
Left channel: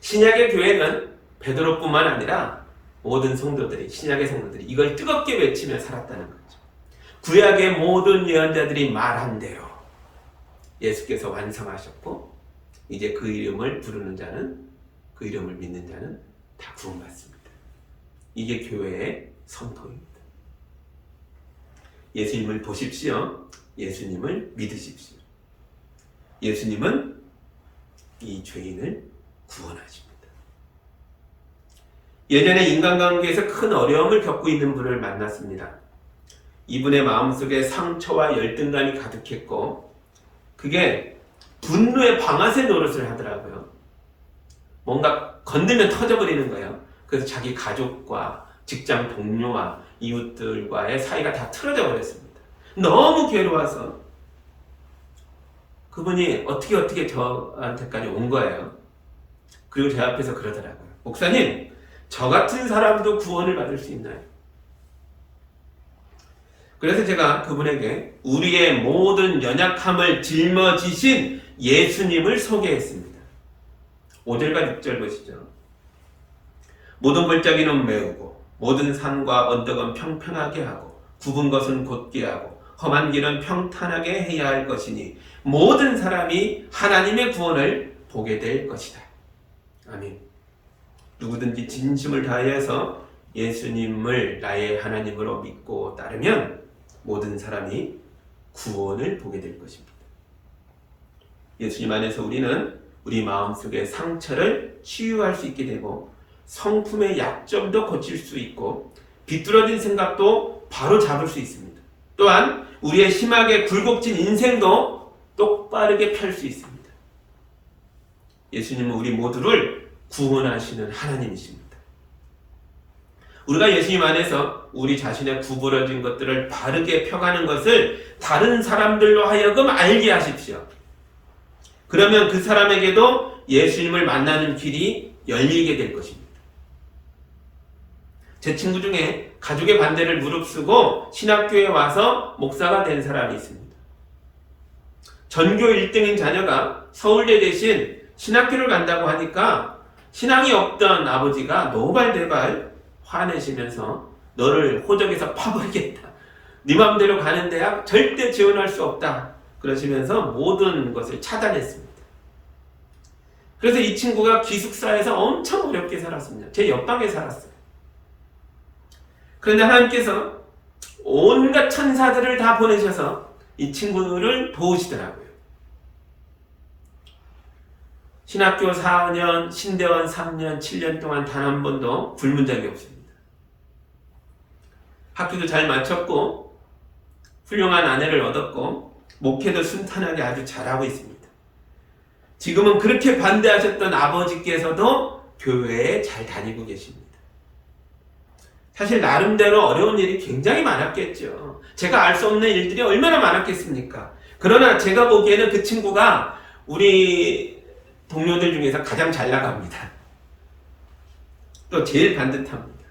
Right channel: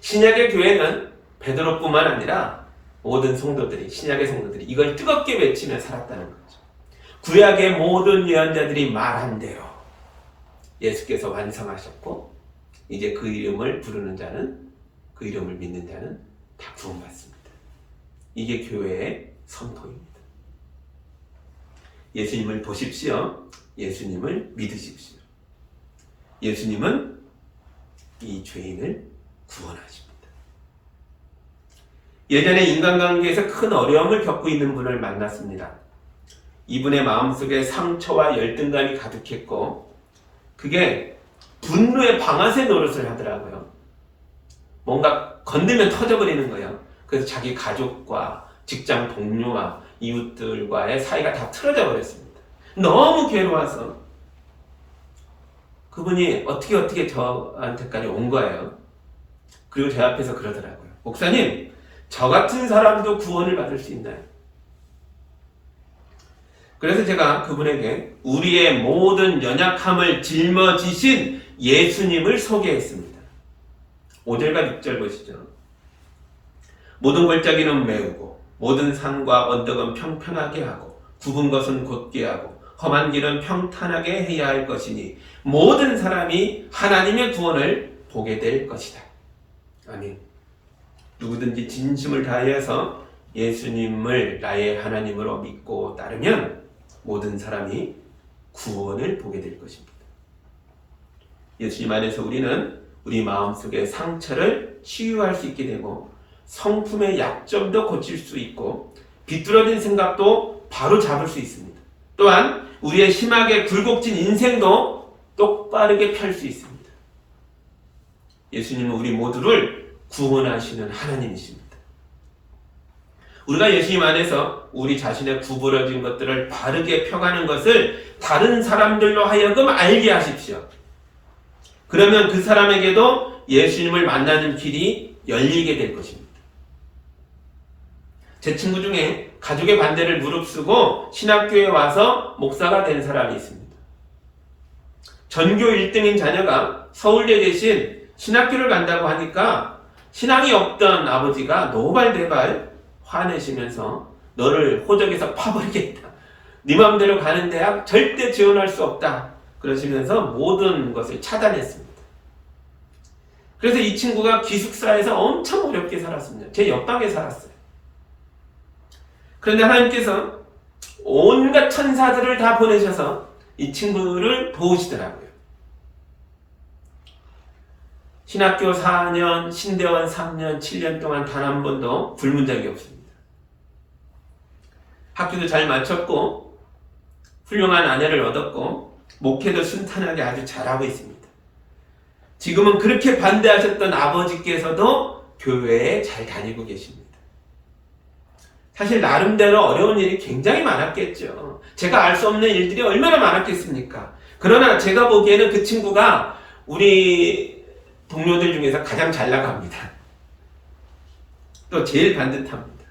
신약의 교회는 베드로뿐만 아니라 모든 성도들이, 신약의 성도들이 이걸 뜨겁게 외치며 살았다는 거죠. 구약의 모든 예언자들이 말한 대로 예수께서 완성하셨고 이제 그 이름을 부르는 자는, 그 이름을 믿는 자는 다 구원받습니다. 이게 교회의 선포입니다. 예수님을 보십시오. 예수님을 믿으십시오. 예수님은 이 죄인을 구원하십니다. 예전에 인간관계에서 큰 어려움을 겪고 있는 분을 만났습니다. 이분의 마음속에 상처와 열등감이 가득했고 그게 분노의 방아쇠 노릇을 하더라고요. 뭔가 건들면 터져버리는 거예요. 그래서 자기 가족과 직장 동료와 이웃들과의 사이가 다 틀어져 버렸습니다. 너무 괴로워서 그분이 어떻게 저한테까지 온 거예요. 그리고 제 앞에서 그러더라고요. 목사님, 저 같은 사람도 구원을 받을 수 있나요? 그래서 제가 그분에게 우리의 모든 연약함을 짊어지신 예수님을 소개했습니다. 5절과 6절 보시죠. 모든 골짜기는 메우고 모든 산과 언덕은 평평하게 하고 굽은 것은 곧게 하고 험한 길은 평탄하게 해야 할 것이니 모든 사람이 하나님의 구원을 보게 될 것이다. 아멘. 누구든지 진심을 다해서 예수님을 나의 하나님으로 믿고 따르면 모든 사람이 구원을 보게 될 것입니다. 예수님 안에서 우리는 우리 마음속의 상처를 치유할 수 있게 되고 성품의 약점도 고칠 수 있고 비뚤어진 생각도 바로 잡을 수 있습니다. 또한 우리의 심하게 굴곡진 인생도 똑바르게 펼 수 있습니다. 예수님은 우리 모두를 구원하시는 하나님이십니다. 우리가 예수님 안에서 우리 자신의 구부러진 것들을 바르게 펴가는 것을 다른 사람들로 하여금 알게 하십시오. 그러면 그 사람에게도 예수님을 만나는 길이 열리게 될 것입니다. 제 친구 중에 가족의 반대를 무릅쓰고 신학교에 와서 목사가 된 사람이 있습니다. 전교 1등인 자녀가 서울대 대신 신학교를 간다고 하니까 신앙이 없던 아버지가 노발대발 화내시면서 너를 호적에서 파버리겠다. 네 맘대로 가는 대학 절대 지원할 수 없다. 그러시면서 모든 것을 차단했습니다. 그래서 이 친구가 기숙사에서 엄청 어렵게 살았습니다. 제 옆방에 살았어요. 그런데 하나님께서 온갖 천사들을 다 보내셔서 이 친구를 도우시더라고요. 신학교 4년, 신대원 3년, 7년 동안 단 한 번도 굶은 적이 없습니다. 학교도 잘 마쳤고 훌륭한 아내를 얻었고 목회도 순탄하게 아주 잘하고 있습니다. 지금은 그렇게 반대하셨던 아버지께서도 교회에 잘 다니고 계십니다. 사실 나름대로 어려운 일이 굉장히 많았겠죠. 제가 알 수 없는 일들이 얼마나 많았겠습니까? 그러나 제가 보기에는 그 친구가 우리 동료들 중에서 가장 잘 나갑니다. 또 제일 반듯합니다.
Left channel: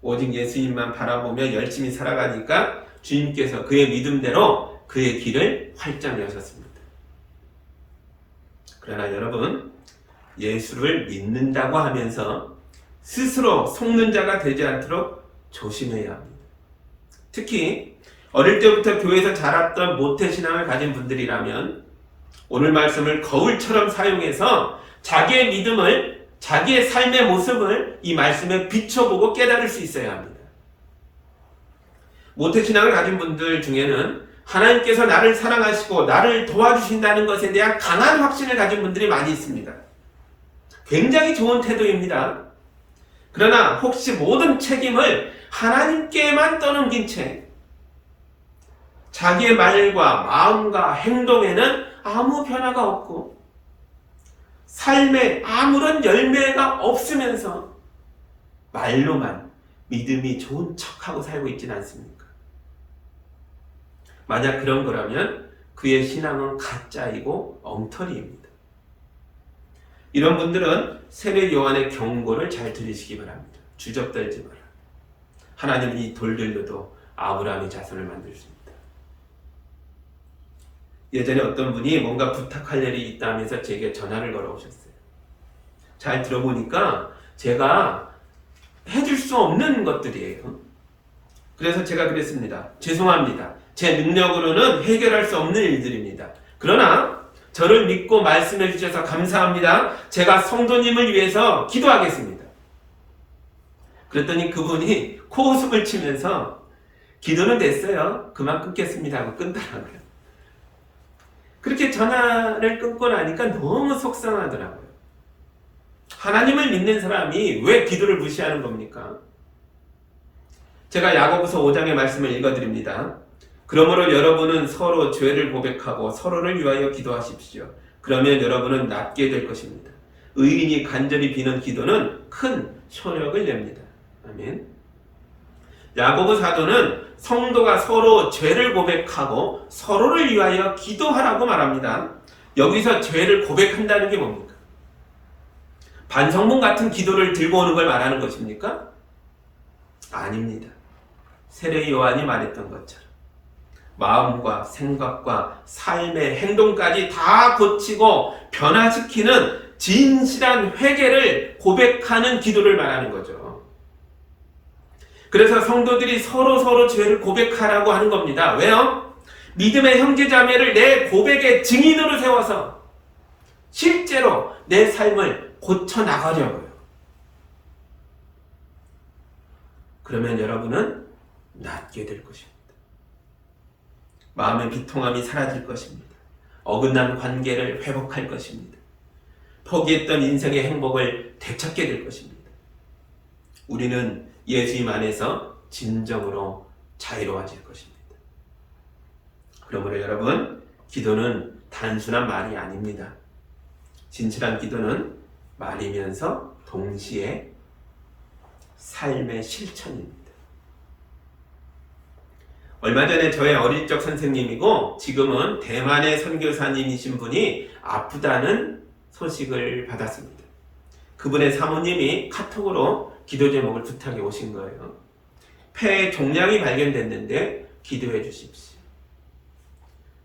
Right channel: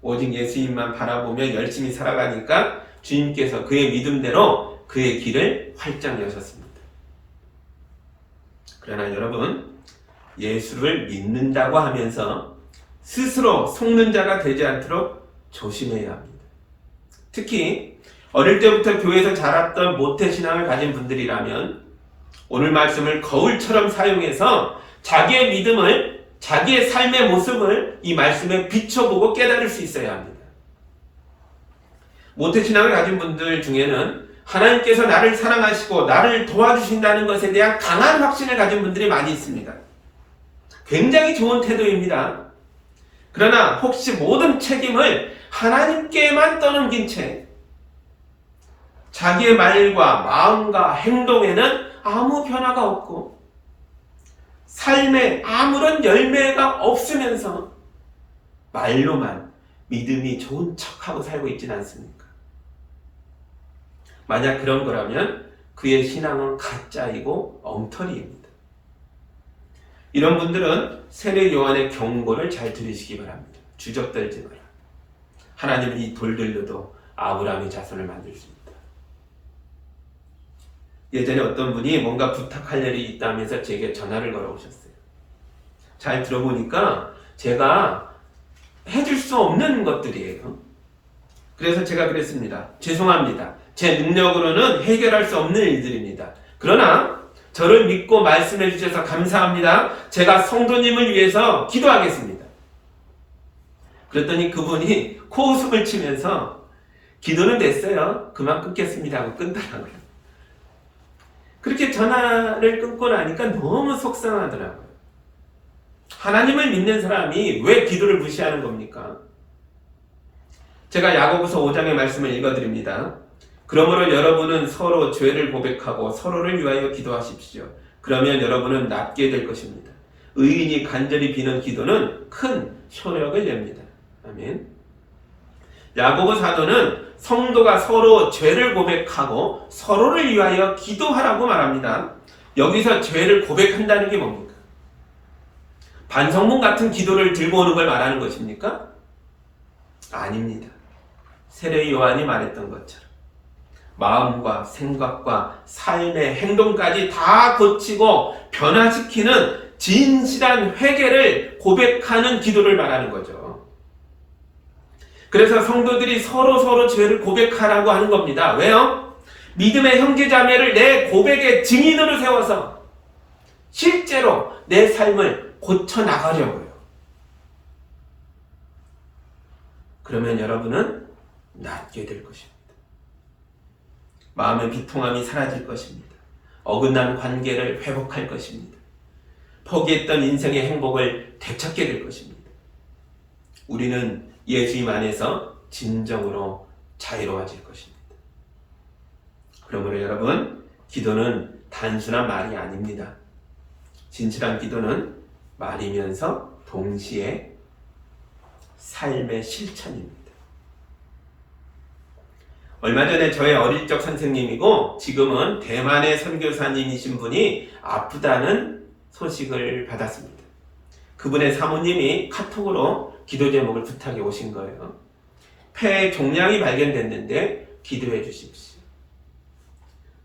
오직 예수님만 바라보며 열심히 살아가니까 주님께서 그의 믿음대로 그의 길을 활짝 여셨습니다. 그러나 여러분, 예수를 믿는다고 하면서 스스로 속는 자가 되지 않도록 조심해야 합니다. 특히 어릴 때부터 교회에서 자랐던 모태신앙을 가진 분들이라면 오늘 말씀을 거울처럼 사용해서 자기의 믿음을, 자기의 삶의 모습을 이 말씀에 비춰보고 깨달을 수 있어야 합니다. 모태신앙을 가진 분들 중에는 하나님께서 나를 사랑하시고 나를 도와주신다는 것에 대한 강한 확신을 가진 분들이 많이 있습니다. 굉장히 좋은 태도입니다. 그러나 혹시 모든 책임을 하나님께만 떠넘긴 채 자기의 말과 마음과 행동에는 아무 변화가 없고 삶에 아무런 열매가 없으면서 말로만 믿음이 좋은 척하고 살고 있지는 않습니까? 만약 그런 거라면 그의 신앙은 가짜이고 엉터리입니다. 이런 분들은 세례 요한의 경고를 잘 들으시기 바랍니다. 주접떨지 마라. 하나님은 이 돌들로도 아브라함의 자손을 만들 수 있다. 예전에 어떤 분이 뭔가 부탁할 일이 있다면서 제게 전화를 걸어오셨어요. 잘 들어보니까 제가 해줄 수 없는 것들이에요. 그래서 제가 그랬습니다. 죄송합니다. 제 능력으로는 해결할 수 없는 일들입니다. 그러나 저를 믿고 말씀해 주셔서 감사합니다. 제가 성도님을 위해서 기도하겠습니다. 그랬더니 그분이 코웃음을 치면서 기도는 됐어요. 그만 끊겠습니다 하고 끊더라고요. 그렇게 전화를 끊고 나니까 너무 속상하더라고요. 하나님을 믿는 사람이 왜 기도를 무시하는 겁니까? 제가 야고보서 5장의 말씀을 읽어드립니다. 그러므로 여러분은 서로 죄를 고백하고 서로를 위하여 기도하십시오. 그러면 여러분은 낫게 될 것입니다. 의인이 간절히 비는 기도는 큰 효력을 냅니다. 아멘. 야고보 사도는 성도가 서로 죄를 고백하고 서로를 위하여 기도하라고 말합니다. 여기서 죄를 고백한다는 게 뭡니까? 반성문 같은 기도를 들고 오는 걸 말하는 것입니까? 아닙니다. 세례 요한이 말했던 것처럼 마음과 생각과 삶의 행동까지 다 고치고 변화시키는 진실한 회개를 고백하는 기도를 말하는 거죠. 그래서 성도들이 서로 죄를 고백하라고 하는 겁니다. 왜요? 믿음의 형제자매를 내 고백의 증인으로 세워서 실제로 내 삶을 고쳐나가려고요. 그러면 여러분은 낫게 될 것입니다. 마음의 비통함이 사라질 것입니다. 어긋난 관계를 회복할 것입니다. 포기했던 인생의 행복을 되찾게 될 것입니다. 우리는 예수님 안에서 진정으로 자유로워질 것입니다. 그러므로 여러분, 기도는 단순한 말이 아닙니다. 진실한 기도는 말이면서 동시에 삶의 실천입니다. 얼마 전에 저의 어릴 적 선생님이고 지금은 대만의 선교사님이신 분이 아프다는 소식을 받았습니다. 그분의 사모님이 카톡으로 기도 제목을 부탁해 오신 거예요. 폐에 종양이 발견됐는데 기도해 주십시오.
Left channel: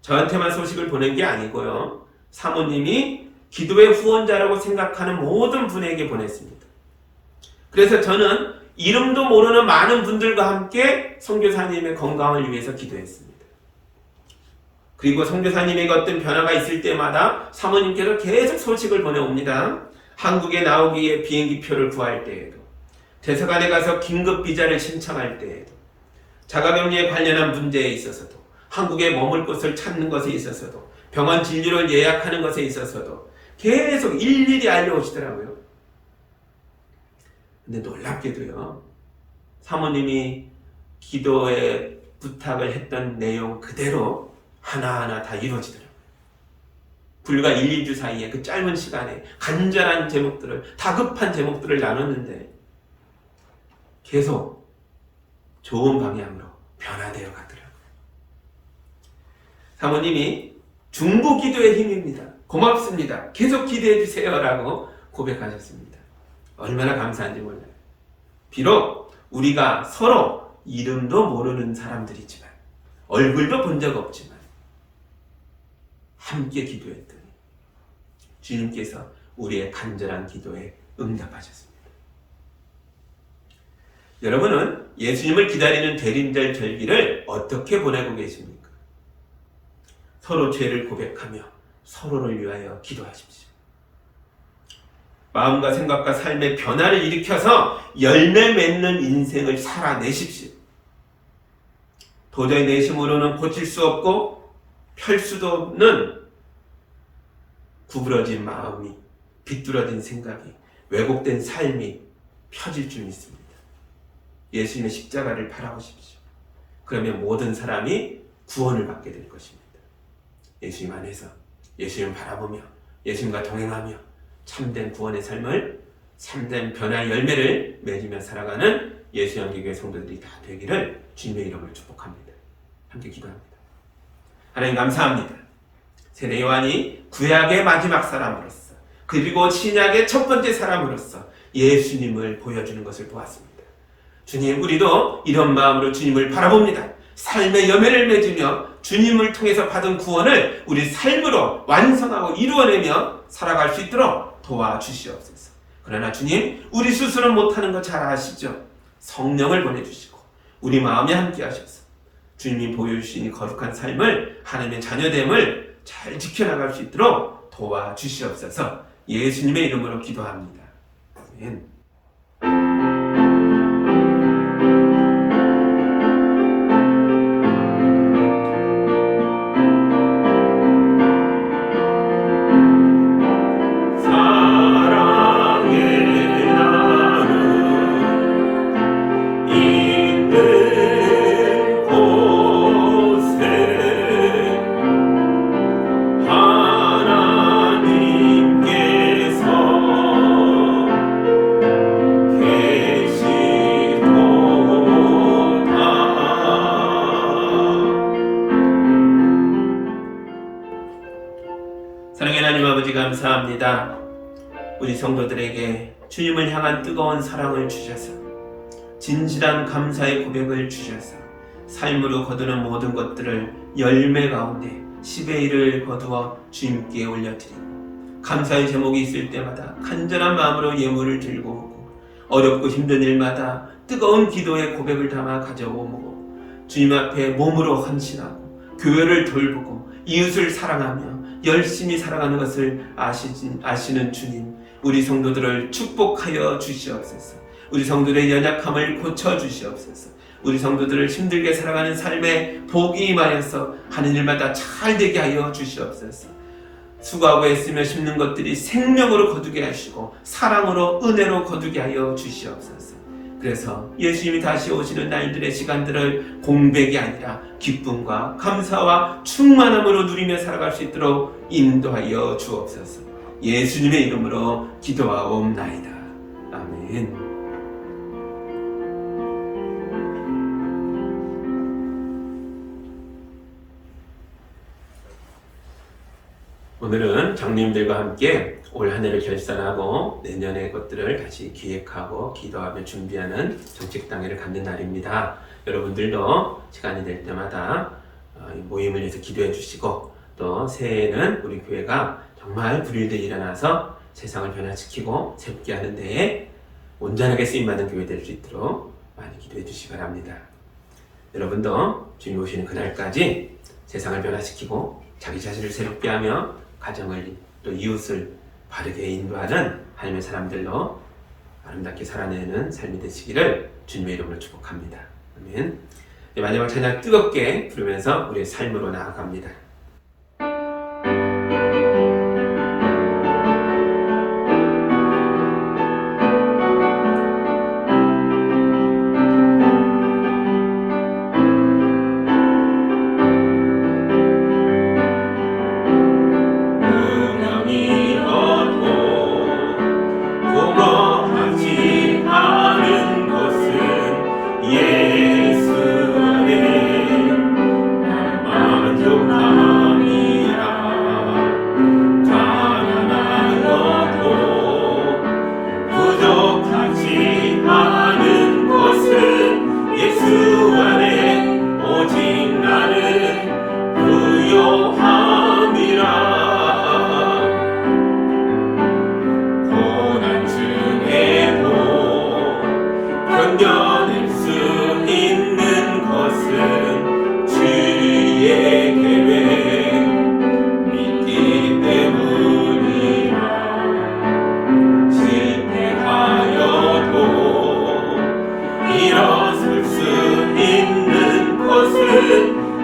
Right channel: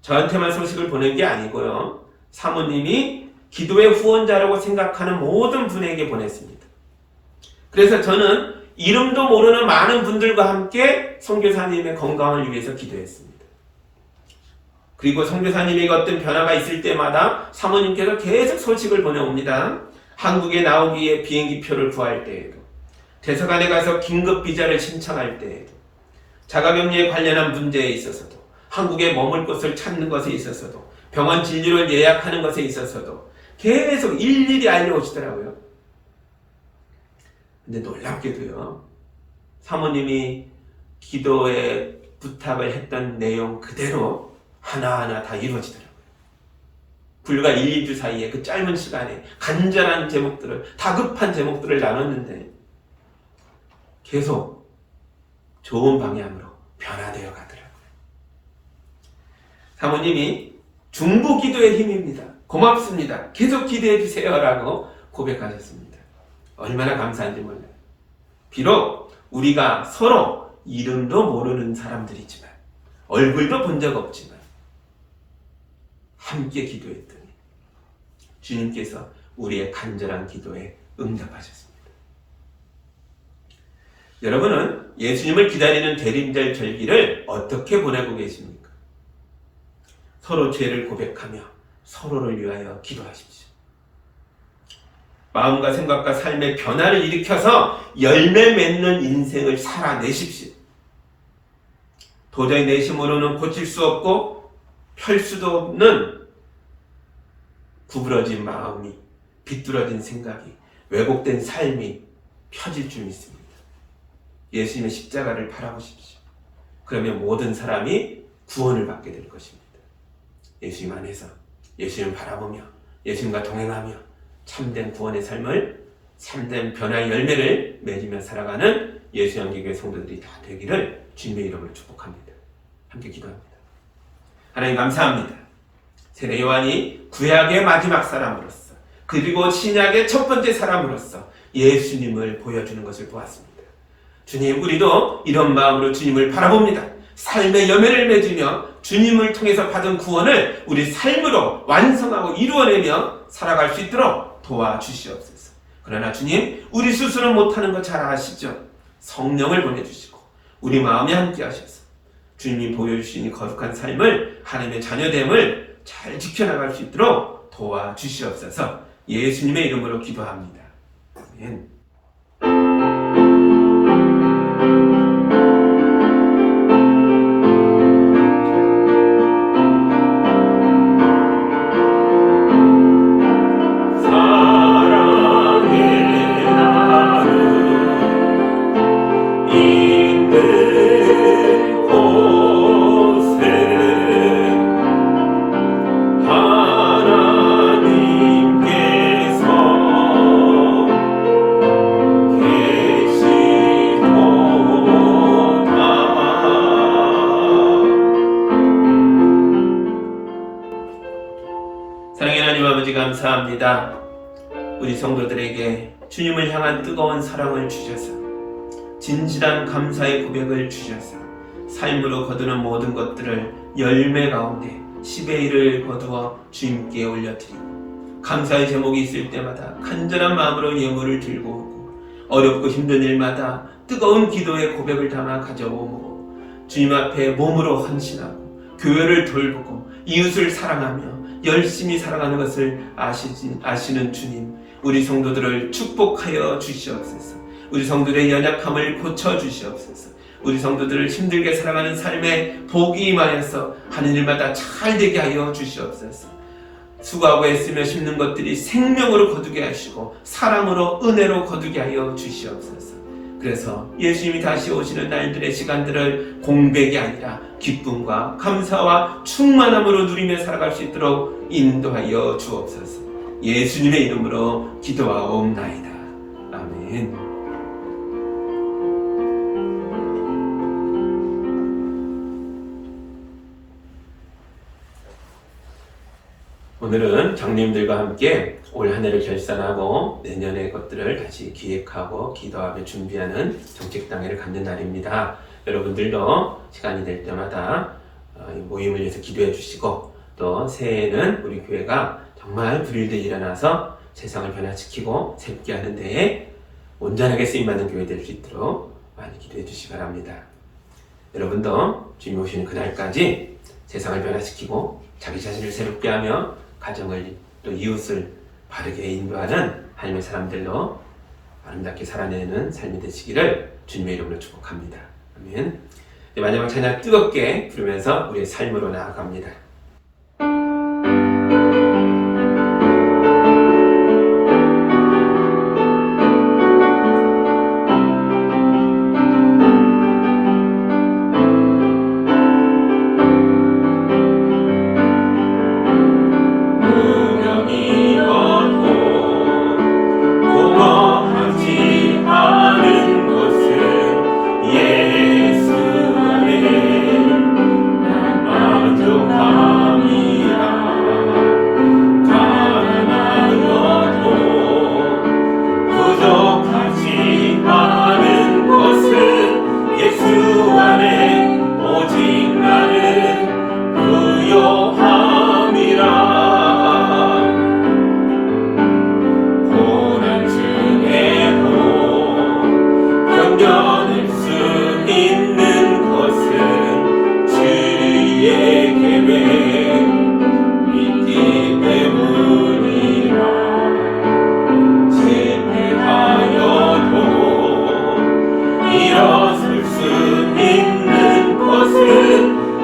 저한테만 소식을 보낸 게 아니고요. 사모님이 기도의 후원자라고 생각하는 모든 분에게 보냈습니다. 그래서 저는 이름도 모르는 많은 분들과 함께 선교사님의 건강을 위해서 기도했습니다. 그리고 선교사님에게 어떤 변화가 있을 때마다 사모님께서 계속 소식을 보내옵니다. 한국에 나오기 위해 비행기표를 구할 때에도, 대사관에 가서 긴급 비자를 신청할 때에도, 자가격리에 관련한 문제에 있어서도, 한국에 머물 곳을 찾는 것에 있어서도, 병원 진료를 예약하는 것에 있어서도 계속 일일이 알려오시더라고요. 근데 놀랍게도요, 사모님이 기도에 부탁을 했던 내용 그대로 하나하나 다 이루어지더라고요. 불과 1, 2주 사이에 그 짧은 시간에 간절한 제목들을, 다급한 제목들을 나눴는데 계속 좋은 방향으로 변화되어 가더라고요. 사모님이 중보 기도의 힘입니다. 고맙습니다. 계속 기대해 주세요. 라고 고백하셨습니다. 얼마나 감사한지 몰라요. 비록 우리가 서로 이름도 모르는 사람들이지만, 얼굴도 본 적 없지만, 함께 기도했더니 주님께서 우리의 간절한 기도에 응답하셨습니다. 여러분은 예수님을 기다리는 대림절 절기를 어떻게 보내고 계십니까? 서로 죄를 고백하며 서로를 위하여 기도하십시오. 마음과 생각과 삶의 변화를 일으켜서 열매 맺는 인생을 살아내십시오. 도저히 내 힘으로는 고칠 수 없고 펼 수도 없는 구부러진 마음이, 비뚤어진 생각이, 왜곡된 삶이 펴질 줄 믿습니다. 예수님의 십자가를 바라보십시오. 그러면 모든 사람이 구원을 받게 될 것입니다. 예수님 안에서, 예수님 바라보며, 예수님과 동행하며 참된 구원의 삶을, 참된 변화의 열매를 맺으며 살아가는 예수영기교회 성도들이 다 되기를 주님의 이름으로 축복합니다. 함께 기도합니다. 하나님 감사합니다. 세례 요한이 구약의 마지막 사람으로서, 그리고 신약의 첫 번째 사람으로서 예수님을 보여주는 것을 보았습니다. 주님, 우리도 이런 마음으로 주님을 바라봅니다. 삶의 열매를 맺으며 주님을 통해서 받은 구원을 우리 삶으로 완성하고 이루어내며 살아갈 수 있도록 도와주시옵소서. 그러나 주님, 우리 스스로 못하는 거 잘 아시죠? 성령을 보내주시고 우리 마음에 함께 하셔서 주님이 보여주신 이 거룩한 삶을, 하나님의 자녀됨을 잘 지켜나갈 수 있도록 도와주시옵소서. 예수님의 이름으로 기도합니다. 아멘. 사랑의 하나님 아버지 감사합니다. 우리 성도들에게 주님을 향한 뜨거운 사랑을 주셔서, 진실한 감사의 고백을 주셔서 삶으로 거두는 모든 것들을 열매 가운데 10의 1을 거두어 주님께 올려드리고, 감사의 제목이 있을 때마다 간절한 마음으로 예물을 들고 오고, 어렵고 힘든 일마다 뜨거운 기도의 고백을 담아 가져오고, 주님 앞에 몸으로 헌신하고 교회를 돌보고 이웃을 사랑하며 열심히 살아가는 것을 아시는 주님, 우리 성도들을 축복하여 주시옵소서. 우리 성도들의 연약함을 고쳐주시옵소서. 우리 성도들을 힘들게 살아가는 삶에 복이 임하여서 하는 일마다 잘 되게 하여 주시옵소서. 수고하고 애쓰며 심는 것들이 생명으로 거두게 하시고 사랑으로, 은혜로 거두게 하여 주시옵소서. 그래서 예수님이 다시 오시는 날들의 시간들을 공백이 아니라 기쁨과 감사와 충만함으로 누리며 살아갈 수 있도록 인도하여 주옵소서. 예수님의 이름으로 기도하옵나이다. 아멘. 오늘은 장로님들과 함께 올 한 해를 결산하고 내년의 것들을 다시 기획하고 기도하며 준비하는 정책당회를 갖는 날입니다. 여러분들도 시간이 될 때마다 모임을 위해서 기도해 주시고, 또 새해에는 우리 교회가 정말 불일들 일어나서 세상을 변화시키고 새롭게 하는 데에 온전하게 쓰임받는 교회 될 수 있도록 많이 기도해 주시기 바랍니다. 여러분도 주님 오시는 그날까지 세상을 변화시키고 자기 자신을 새롭게 하며 가정을, 또 이웃을 바르게 인도하는 하나님의 사람들로 아름답게 살아내는 삶이 되시기를 주님의 이름으로 축복합니다. 아멘. 마지막 찬양 뜨겁게 부르면서 우리의 삶으로 나아갑니다. 만족함이라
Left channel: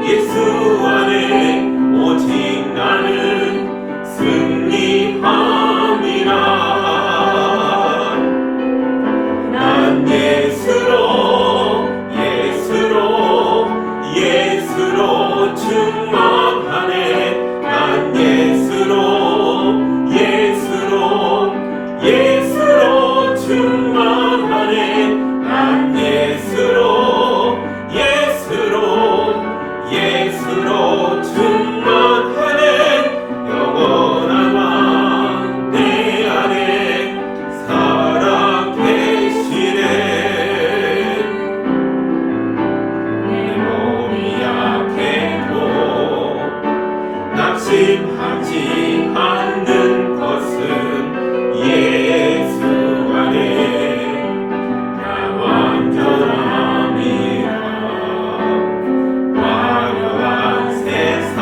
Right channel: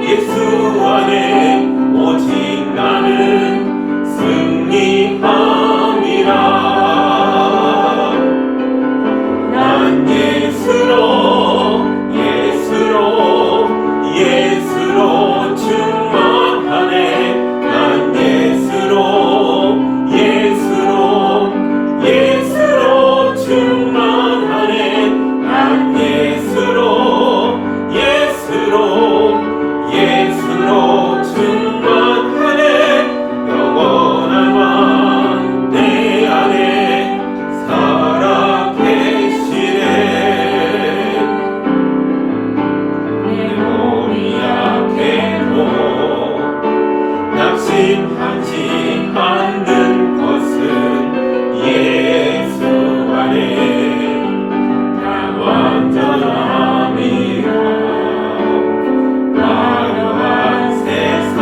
예수 안에 오직 나는 승리함이라. 난 예수로 충만하네. 난 예수로 충만하네. 난 예수로 충만하네. 영원한 왕 내 안에 살아 계시네. 내 몸이 약해도 낙심하지 않는 것은 예수 안에 난 완전함이라. 화려한 세상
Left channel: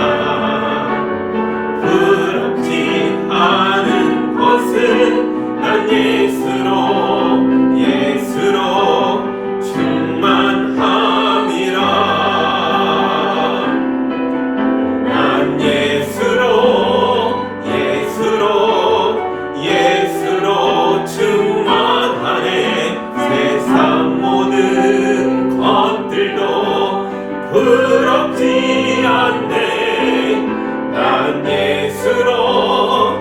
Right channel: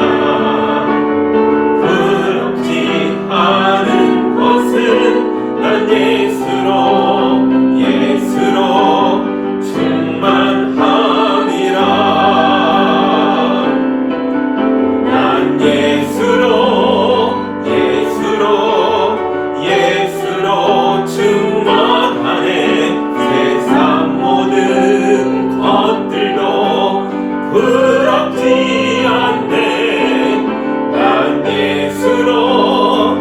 부럽지 않은 것은 난 예수로 충만함이라. 난 예수로 충만하네. 세상 모든 것들도 부럽지 않네. 난 예수로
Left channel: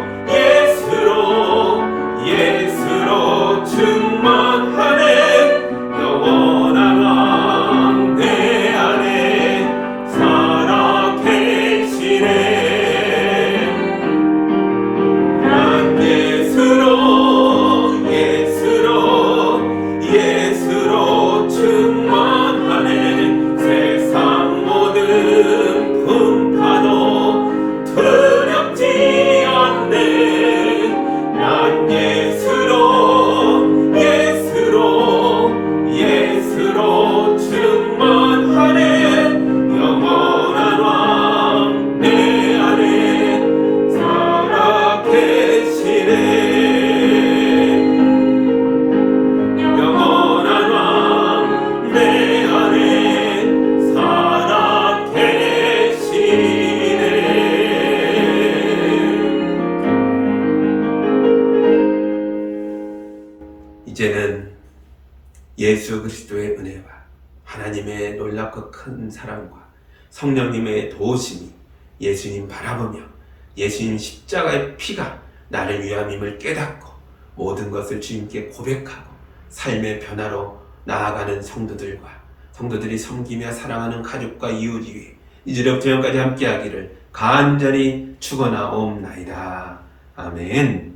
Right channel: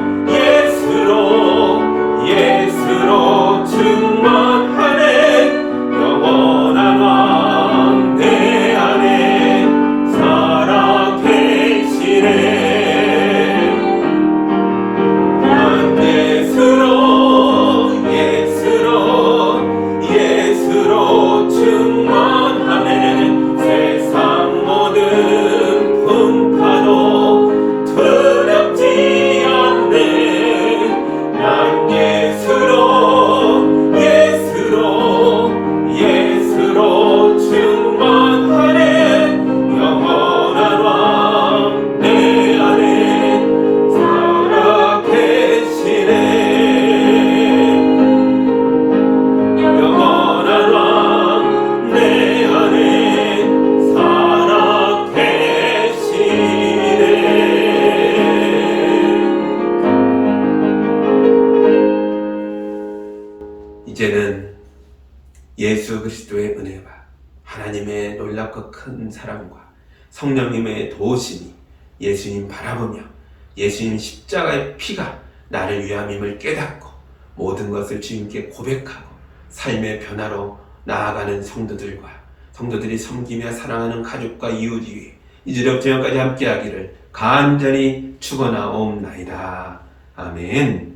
충만하네. 영원한 왕 내 안에 살아 계시네. 난 예수로 충만하네. 세상 모든 풍파도 두렵지 않네. 난 예수로 충만하네. 영원한 왕 내 안에 살아 계시네. 영원한 왕 내 안에 살아 계시네. 이제는 예수 그리스도의 은혜와 하나님의 놀랍고 큰 사랑과 성령님의 도우심이 예수님 바라보며 예수님 십자가의 피가 나를 위함임을 깨닫고 모든 것을 주님께 고백하고 삶의 변화로 나아가는 성도들이 섬기며 사랑하는 가족과 이웃 위에 이제부터 영까지 함께하기를 간절히 축원하옵나이다. 아멘.